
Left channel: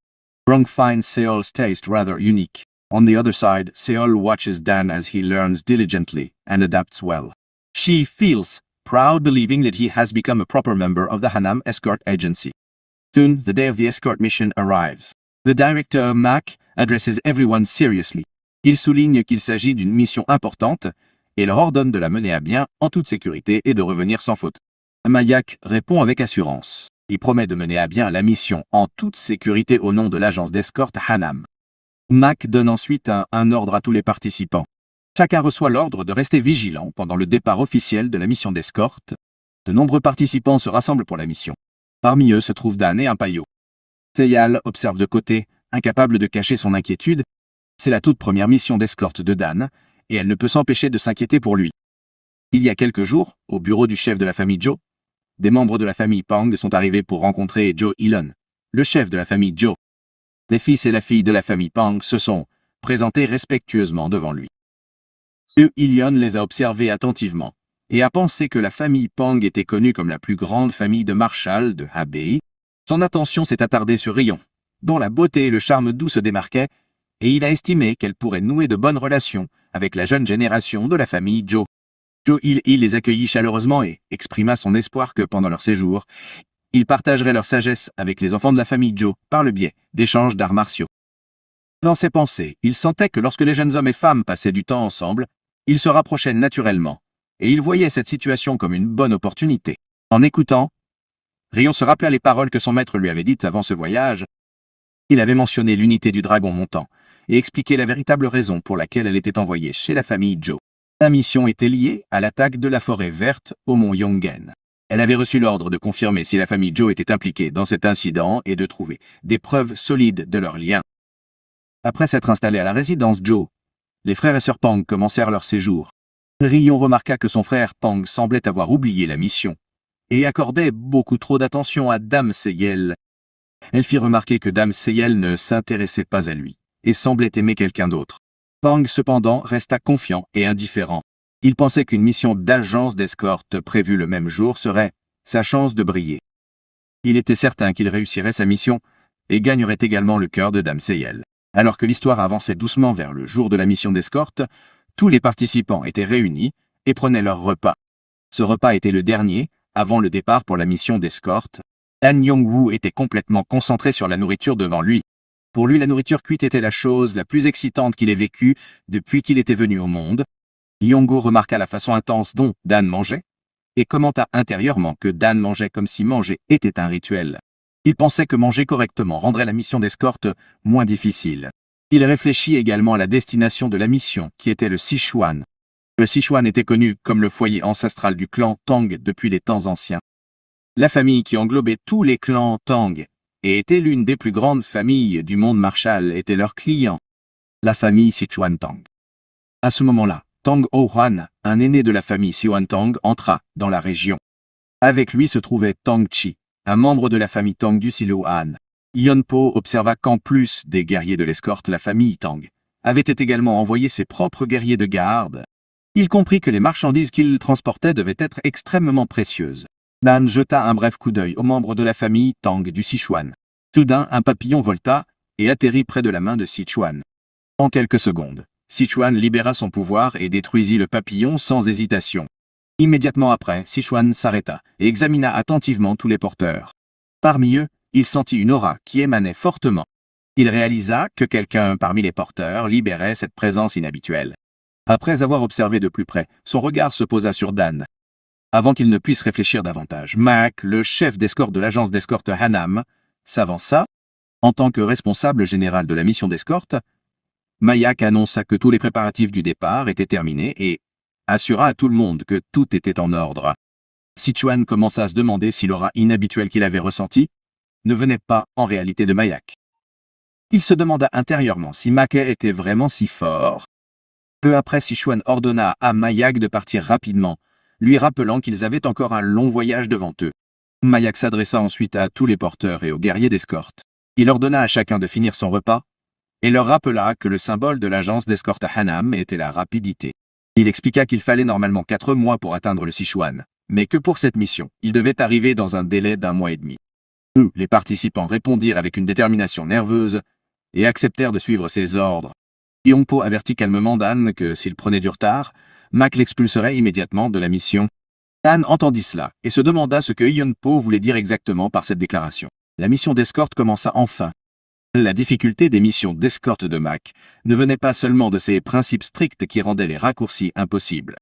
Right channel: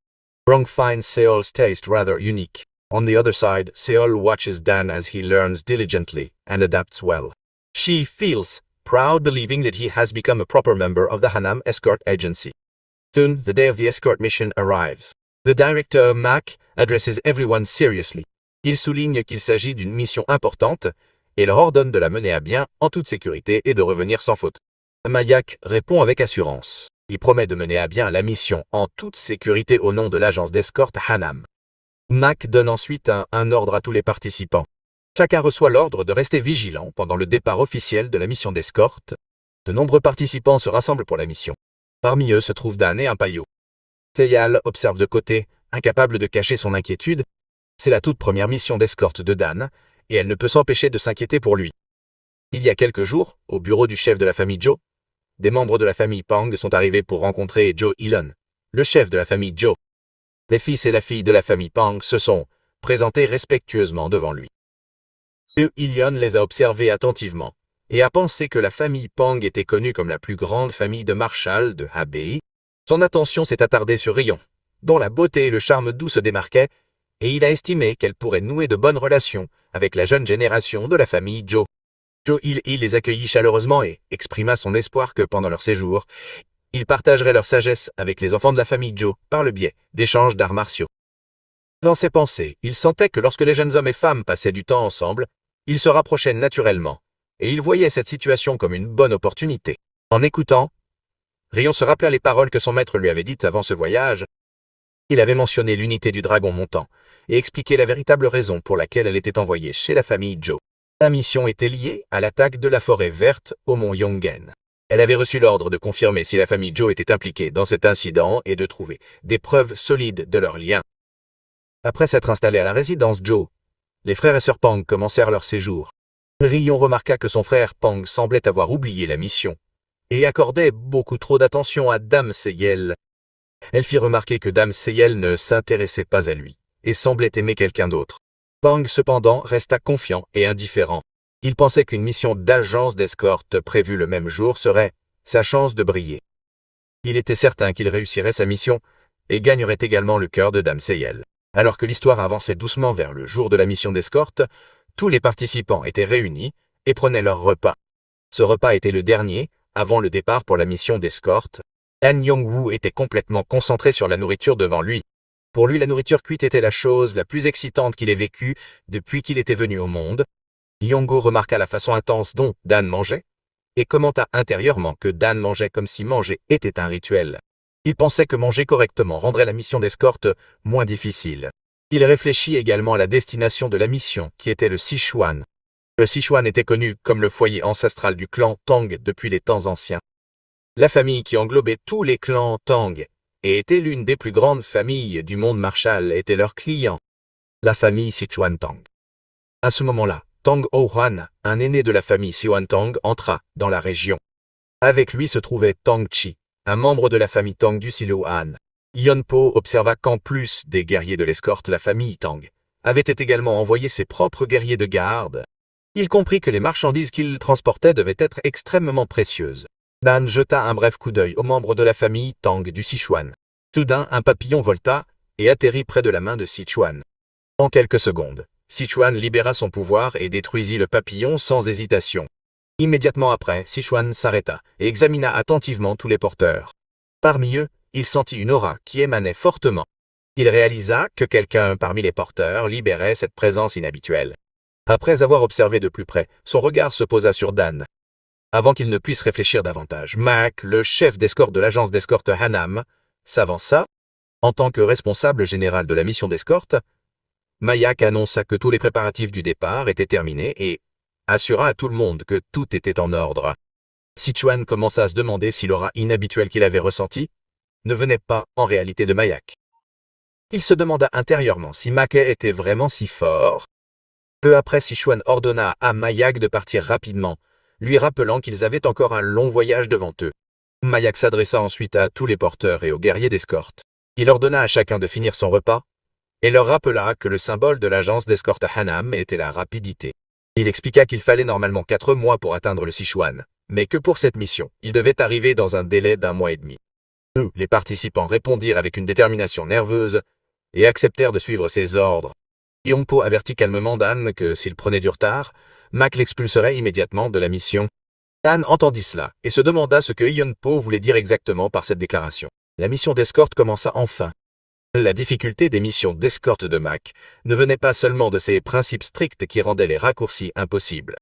Rong finds Seol's taste rather unique. On the other side, Seol watches Dan as he learns diligently and adapts well. She feels proud believing that he has become a proper member of the Hanam Escort Agency. Soon, the day of the escort mission arrives. The director, Mac, addresses everyone seriously. Il souligne qu'il s'agit d'une mission importante et leur ordonne de la mener à bien en toute sécurité et de revenir sans faute. Mayak répond avec assurance. Il promet de mener à bien la mission en toute sécurité au nom de l'agence d'escorte Hanam. Mac donne ensuite un ordre à tous les participants. Chacun reçoit l'ordre de rester vigilant pendant le départ officiel de la mission d'escorte. De nombreux participants se rassemblent pour la mission. Parmi eux se trouve Dan et Impayo. Seyal observe de côté, incapable de cacher son inquiétude. C'est la toute première mission d'escorte de Dan, et elle ne peut s'empêcher de s'inquiéter pour lui. Il y a quelques jours, au bureau du chef de la famille Zhou, des membres de la famille Pang sont arrivés pour rencontrer Zhou Ilon, le chef de la famille Zhou. Les fils et la fille de la famille Pang se sont présentés respectueusement devant lui. Zhou Ilon les a observés attentivement et a pensé que la famille Pang était connue comme la plus grande famille de Marshall de Hebei. Son attention s'est attardée sur Rion, dont la beauté et le charme doux se démarquaient, et il a estimé qu'elle pourrait nouer de bonnes relations avec la jeune génération de la famille Zhou. Zhou Il les accueillit chaleureusement et exprima son espoir que pendant leur séjour, ils partageraient leur sagesse avec les enfants de la famille Zhou par le biais d'échanges d'arts martiaux. Dans ses pensées, il sentait que lorsque les jeunes hommes et femmes passaient du temps ensemble, ils se rapprochaient naturellement, et il voyait cette situation comme une bonne opportunité. En écoutant, Rion se rappela les paroles que son maître lui avait dites avant ce voyage. Il avait mentionné l'unité du dragon montant et expliqué la véritable raison pour laquelle elle était envoyée chez la famille Zhou. La mission était liée à l'attaque de la forêt verte au mont Yonggen. Elle avait reçu l'ordre de confirmer si la famille Zhou était impliquée dans cet incident et de trouver des preuves solides de leur lien. Après s'être installés à la résidence Zhou, les frères et sœurs Pang commencèrent leur séjour. Rion remarqua que son frère Pang semblait avoir oublié la mission et accordait beaucoup trop d'attention à Dame Seyel. Elle fit remarquer que Dame Seyel ne s'intéressait pas à lui et semblait aimer quelqu'un d'autre. Pang cependant resta confiant et indifférent. Il pensait qu'une mission d'agence d'escorte prévue le même jour serait sa chance de briller. Il était certain qu'il réussirait sa mission et gagnerait également le cœur de Dame Seyel. Alors que l'histoire avançait doucement vers le jour de la mission d'escorte, tous les participants étaient réunis et prenaient leur repas. Ce repas était le dernier, avant le départ pour la mission d'escorte. Han Yong-woo était complètement concentré sur la nourriture devant lui. Pour lui, la nourriture cuite était la chose la plus excitante qu'il ait vécue depuis qu'il était venu au monde. Yongo remarqua la façon intense dont Dan mangeait et commenta intérieurement que Dan mangeait comme si manger était un rituel. Il pensait que manger correctement rendrait la mission d'escorte moins difficile. Il réfléchit également à la destination de la mission, qui était le Sichuan. Le Sichuan était connu comme le foyer ancestral du clan Tang depuis les temps anciens. La famille qui englobait tous les clans Tang et était l'une des plus grandes familles du monde Marshall était leur client, la famille Sichuan Tang. À ce moment-là, Tang Oh-hwan, un aîné de la famille Sichuan Tang, entra dans la région. Avec lui se trouvait Tang Chi, un membre de la famille Tang du Silouan. Yonpo observa qu'en plus des guerriers de l'escorte, la famille Tang avait également envoyé ses propres guerriers de garde. Il comprit que les marchandises qu'il transportait devaient être extrêmement précieuses. Dan jeta un bref coup d'œil aux membres de la famille Tang du Sichuan. Soudain, un papillon volta et atterrit près de la main de Sichuan. En quelques secondes, Sichuan libéra son pouvoir et détruisit le papillon sans hésitation. Immédiatement après, Sichuan s'arrêta et examina attentivement tous les porteurs. Parmi eux, il sentit une aura qui émanait fortement. Il réalisa que quelqu'un parmi les porteurs libérait cette présence inhabituelle. Après avoir observé de plus près, son regard se posa sur Dan. Avant qu'il ne puisse réfléchir davantage, Mac, le chef d'escorte de l'agence d'escorte Hanam, s'avança. En tant que responsable général de la mission d'escorte, Mayak annonça que tous les préparatifs du départ étaient terminés et assura à tout le monde que tout était en ordre. Sichuan commença à se demander si l'aura inhabituelle qu'il avait ressentie ne venait pas en réalité de Mayak. Il se demanda intérieurement si Mackay était vraiment si fort. Peu après, Sichuan ordonna à Mayak de partir rapidement, lui rappelant qu'ils avaient encore un long voyage devant eux. Mayak s'adressa ensuite à tous les porteurs et aux guerriers d'escorte. Il ordonna à chacun de finir son repas et leur rappela que le symbole de l'agence d'escorte Hanam était la rapidité. Il expliqua qu'il fallait normalement 4 mois pour atteindre le Sichuan, mais que pour cette mission, il devait arriver dans un délai d'1 mois et demi. Les participants répondirent avec une détermination nerveuse et acceptèrent de suivre ses ordres. Yongpo avertit calmement Dan que s'il prenait du retard, Mac l'expulserait immédiatement de la mission. Dan entendit cela et se demanda ce que Yongpo voulait dire exactement par cette déclaration. La mission d'escorte commença enfin. La difficulté des missions d'escorte de Mac ne venait pas seulement de ses principes stricts qui rendaient les raccourcis impossibles.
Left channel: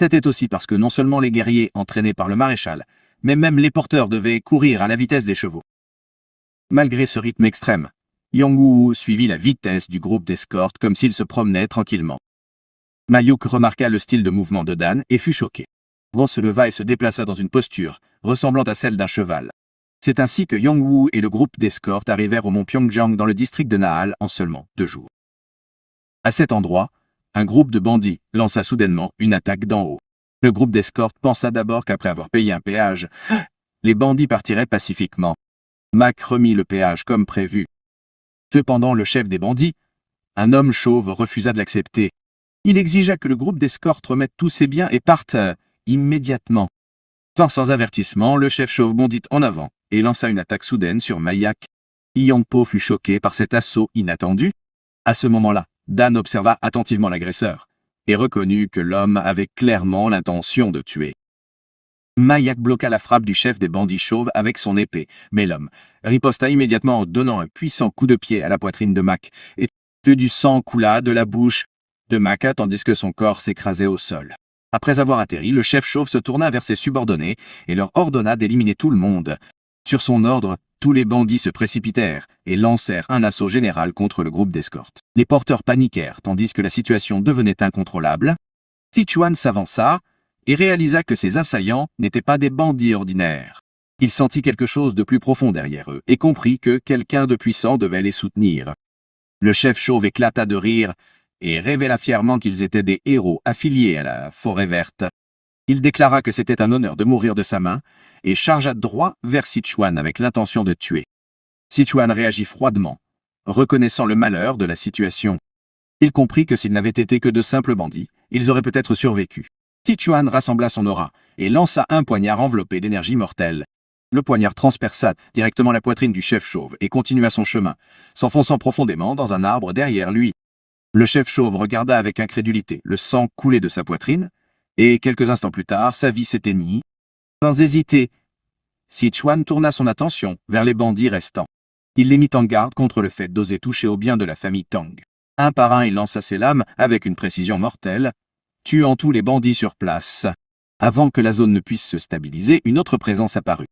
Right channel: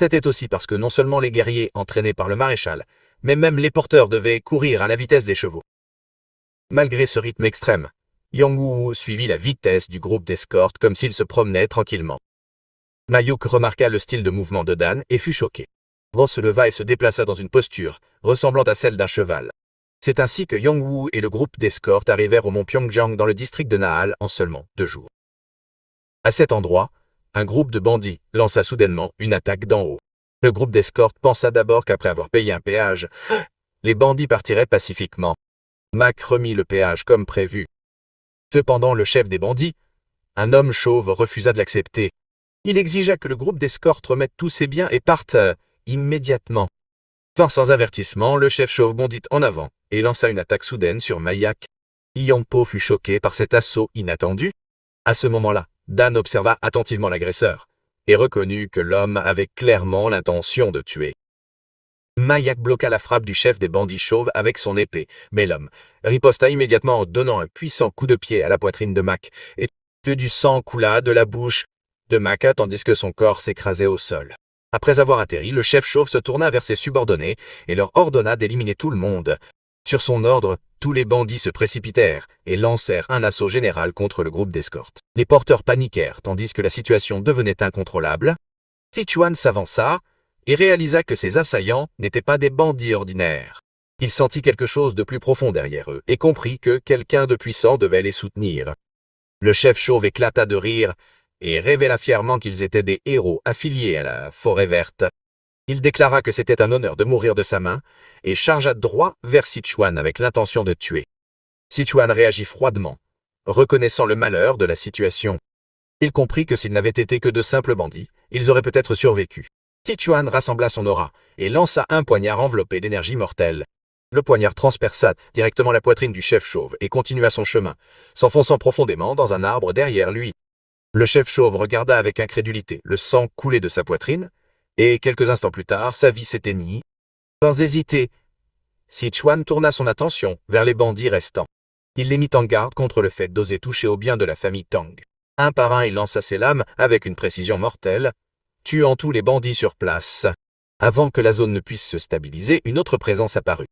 C'était aussi parce que non seulement les guerriers entraînés par le maréchal, mais même les porteurs devaient courir à la vitesse des chevaux. Malgré ce rythme extrême, Yang suivit la vitesse du groupe d'escorte comme s'il se promenait tranquillement. Mayuk remarqua le style de mouvement de Dan et fut choqué. Dan se leva et se déplaça dans une posture ressemblant à celle d'un cheval. C'est ainsi que Yang et le groupe d'escorte arrivèrent au mont Pyeongjiang dans le district de Nahal en seulement 2 jours. À cet endroit, un groupe de bandits lança soudainement une attaque d'en haut. Le groupe d'escorte pensa d'abord qu'après avoir payé un péage, les bandits partiraient pacifiquement. Mac remit le péage comme prévu. Cependant, le chef des bandits, un homme chauve, refusa de l'accepter. Il exigea que le groupe d'escorte remette tous ses biens et parte immédiatement. Sans avertissement, le chef chauve bondit en avant et lança une attaque soudaine sur Mayak. Yongpo fut choqué par cet assaut inattendu. À ce moment-là, Dan observa attentivement l'agresseur et reconnut que l'homme avait clairement l'intention de tuer. Mayak bloqua la frappe du chef des bandits chauves avec son épée, mais l'homme riposta immédiatement en donnant un puissant coup de pied à la poitrine de Mac, et du sang coula de la bouche de Mac tandis que son corps s'écrasait au sol. Après avoir atterri, le chef chauve se tourna vers ses subordonnés et leur ordonna d'éliminer tout le monde. Sur son ordre, tous les bandits se précipitèrent et lancèrent un assaut général contre le groupe d'escorte. Les porteurs paniquèrent tandis que la situation devenait incontrôlable. Sichuan s'avança et réalisa que ses assaillants n'étaient pas des bandits ordinaires. Il sentit quelque chose de plus profond derrière eux et comprit que quelqu'un de puissant devait les soutenir. Le chef chauve éclata de rire et révéla fièrement qu'ils étaient des héros affiliés à la Forêt Verte. Il déclara que c'était un honneur de mourir de sa main et chargea droit vers Sichuan avec l'intention de tuer. Sichuan réagit froidement, reconnaissant le malheur de la situation. Il comprit que s'ils n'avaient été que de simples bandits, ils auraient peut-être survécu. Sichuan rassembla son aura et lança un poignard enveloppé d'énergie mortelle. Le poignard transperça directement la poitrine du chef chauve et continua son chemin, s'enfonçant profondément dans un arbre derrière lui. Le chef chauve regarda avec incrédulité le sang couler de sa poitrine, et quelques instants plus tard, sa vie s'éteignit. Sans hésiter, Sichuan tourna son attention vers les bandits restants. Il les mit en garde contre le fait d'oser toucher aux biens de la famille Tang. Un par un, il lança ses lames avec une précision mortelle, tuant tous les bandits sur place. Avant que la zone ne puisse se stabiliser, une autre présence apparut.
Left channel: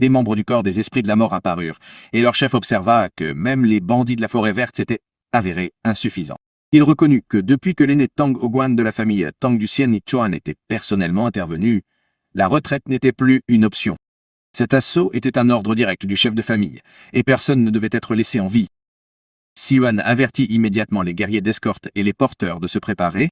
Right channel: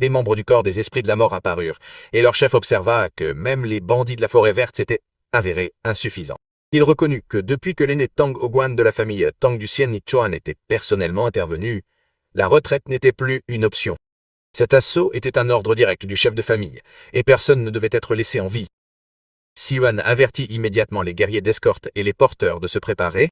Des membres du corps des esprits de la mort apparurent, et leur chef observa que même les bandits de la Forêt Verte s'étaient avérés insuffisants. Il reconnut que depuis que l'aîné Tang Oguan de la famille Tang du Sien Nichuan était personnellement intervenu, la retraite n'était plus une option. Cet assaut était un ordre direct du chef de famille, et personne ne devait être laissé en vie. Sichuan avertit immédiatement les guerriers d'escorte et les porteurs de se préparer.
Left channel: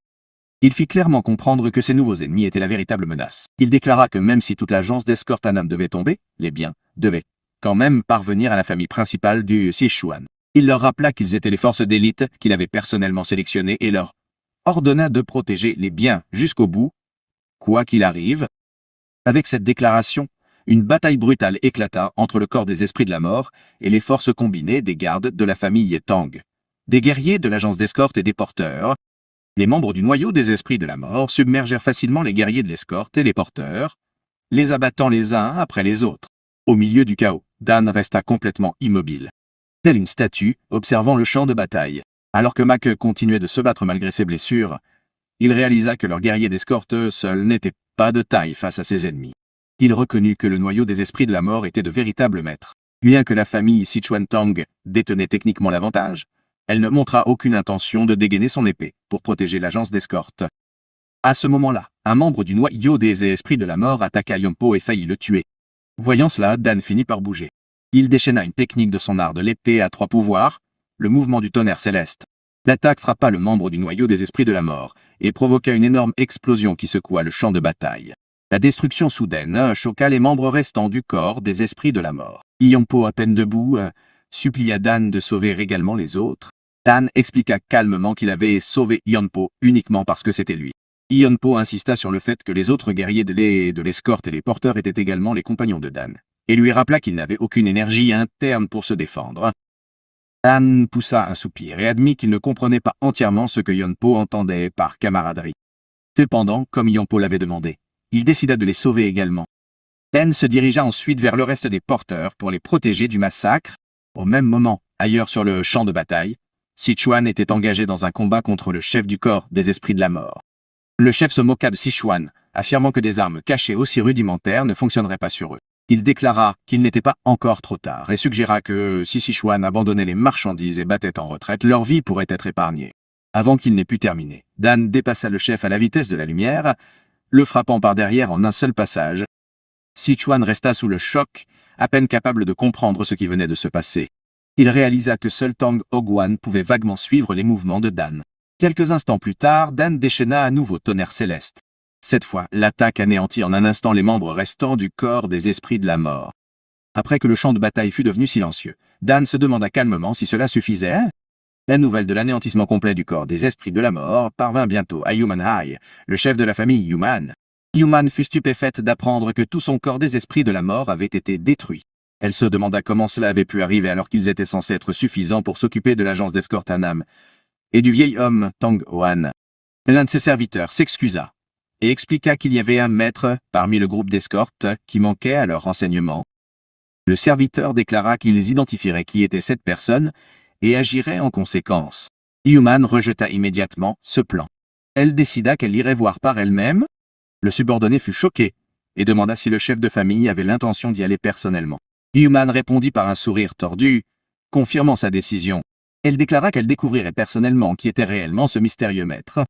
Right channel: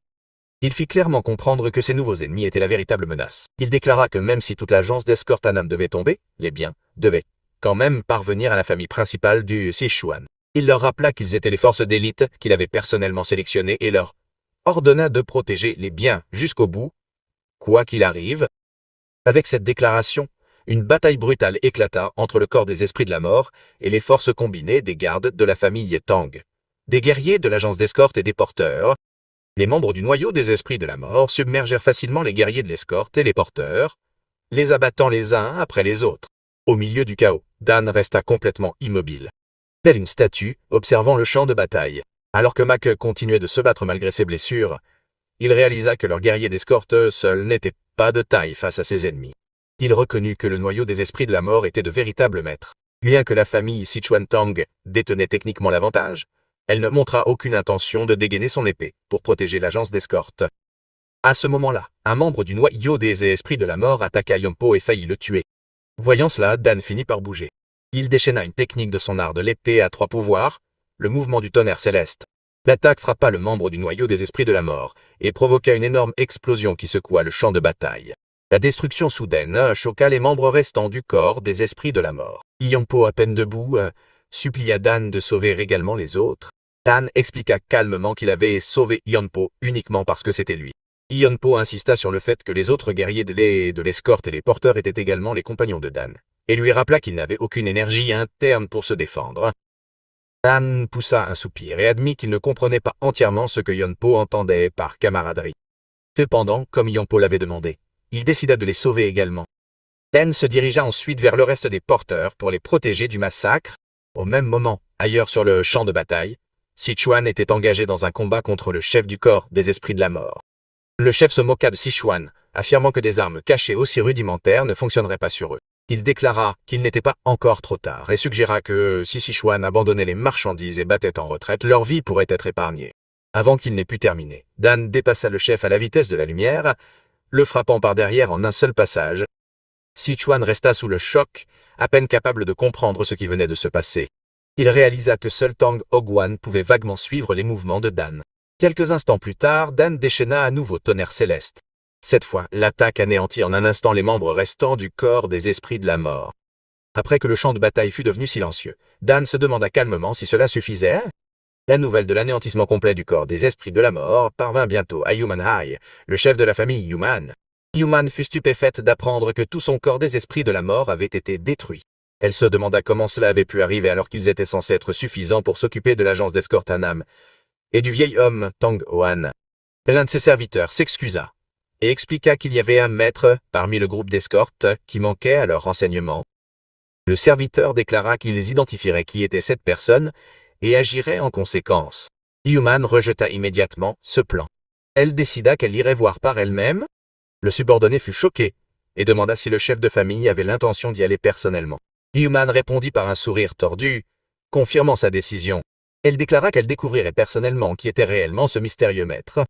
Il fit clairement comprendre que ses nouveaux ennemis étaient la véritable menace. Il déclara que même si toute l'agence d'escorte Hanam devait tomber, les biens devaient quand même parvenir à la famille principale du Sichuan. Il leur rappela qu'ils étaient les forces d'élite qu'il avait personnellement sélectionnées et leur ordonna de protéger les biens jusqu'au bout, quoi qu'il arrive. Avec cette déclaration, une bataille brutale éclata entre le corps des esprits de la mort et les forces combinées des gardes de la famille Tang. Des guerriers de l'agence d'escorte et des porteurs. Les membres du noyau des esprits de la mort submergèrent facilement les guerriers de l'escorte et les porteurs, les abattant les uns après les autres. Au milieu du chaos, Dan resta complètement immobile, telle une statue, observant le champ de bataille. Alors que Mac continuait de se battre malgré ses blessures, il réalisa que leur guerrier d'escorte seul n'était pas de taille face à ses ennemis. Il reconnut que le noyau des esprits de la mort était de véritables maîtres. Bien que la famille Sichuan Tang détenait techniquement l'avantage, elle ne montra aucune intention de dégainer son épée pour protéger l'agence d'escorte. À ce moment-là, un membre du noyau des esprits de la mort attaqua Yompo et faillit le tuer. Voyant cela, Dan finit par bouger. Il déchaîna une technique de son art de l'épée à 3 pouvoirs, le mouvement du tonnerre céleste. L'attaque frappa le membre du noyau des esprits de la mort et provoqua une énorme explosion qui secoua le champ de bataille. La destruction soudaine choqua les membres restants du corps des esprits de la mort. Yompo, à peine debout, supplia Dan de sauver également les autres. Dan expliqua calmement qu'il avait sauvé Yompo uniquement parce que c'était lui. Yompo insista sur le fait que les autres guerriers de l'escorte et les porteurs étaient également les compagnons de Dan, et lui rappela qu'il n'avait aucune énergie interne pour se défendre. Dan poussa un soupir et admit qu'il ne comprenait pas entièrement ce que Yompo entendait par camaraderie. Cependant, comme Yompo l'avait demandé, il décida de les sauver également. Dan se dirigea ensuite vers le reste des porteurs pour les protéger du massacre. Au même moment, ailleurs sur le champ de bataille, Sichuan était engagé dans un combat contre le chef du corps des esprits de la mort. Le chef se moqua de Sichuan, affirmant que des armes cachées aussi rudimentaires ne fonctionneraient pas sur eux. Il déclara qu'il n'était pas encore trop tard et suggéra que si Sichuan abandonnait les marchandises et battait en retraite, leur vie pourrait être épargnée. Avant qu'il n'ait pu terminer, Dan dépassa le chef à la vitesse de la lumière, le frappant par derrière en un seul passage. Sichuan resta sous le choc, à peine capable de comprendre ce qui venait de se passer. Il réalisa que seul Tang Hogwan pouvait vaguement suivre les mouvements de Dan. Quelques instants plus tard, Dan déchaîna à nouveau tonnerre céleste. Cette fois, l'attaque anéantit en un instant les membres restants du corps des esprits de la mort. Après que le champ de bataille fut devenu silencieux, Dan se demanda calmement si cela suffisait. La nouvelle de l'anéantissement complet du corps des esprits de la mort parvint bientôt à Human High, le chef de la famille Human. Human fut stupéfaite d'apprendre que tout son corps des esprits de la mort avait été détruit. Elle se demanda comment cela avait pu arriver alors qu'ils étaient censés être suffisants pour s'occuper de l'agence d'escorte Anam et du vieil homme Tang Hoan. L'un de ses serviteurs s'excusa et expliqua qu'il y avait un maître parmi le groupe d'escorte qui manquait à leurs renseignements. Le serviteur déclara qu'ils identifieraient qui était cette personne et agiraient en conséquence. Human rejeta immédiatement ce plan. Elle décida qu'elle irait voir par elle-même. Le subordonné fut choqué et demanda si le chef de famille avait l'intention d'y aller personnellement. Human répondit par un sourire tordu, confirmant sa décision. Elle déclara qu'elle découvrirait personnellement qui était réellement ce mystérieux maître.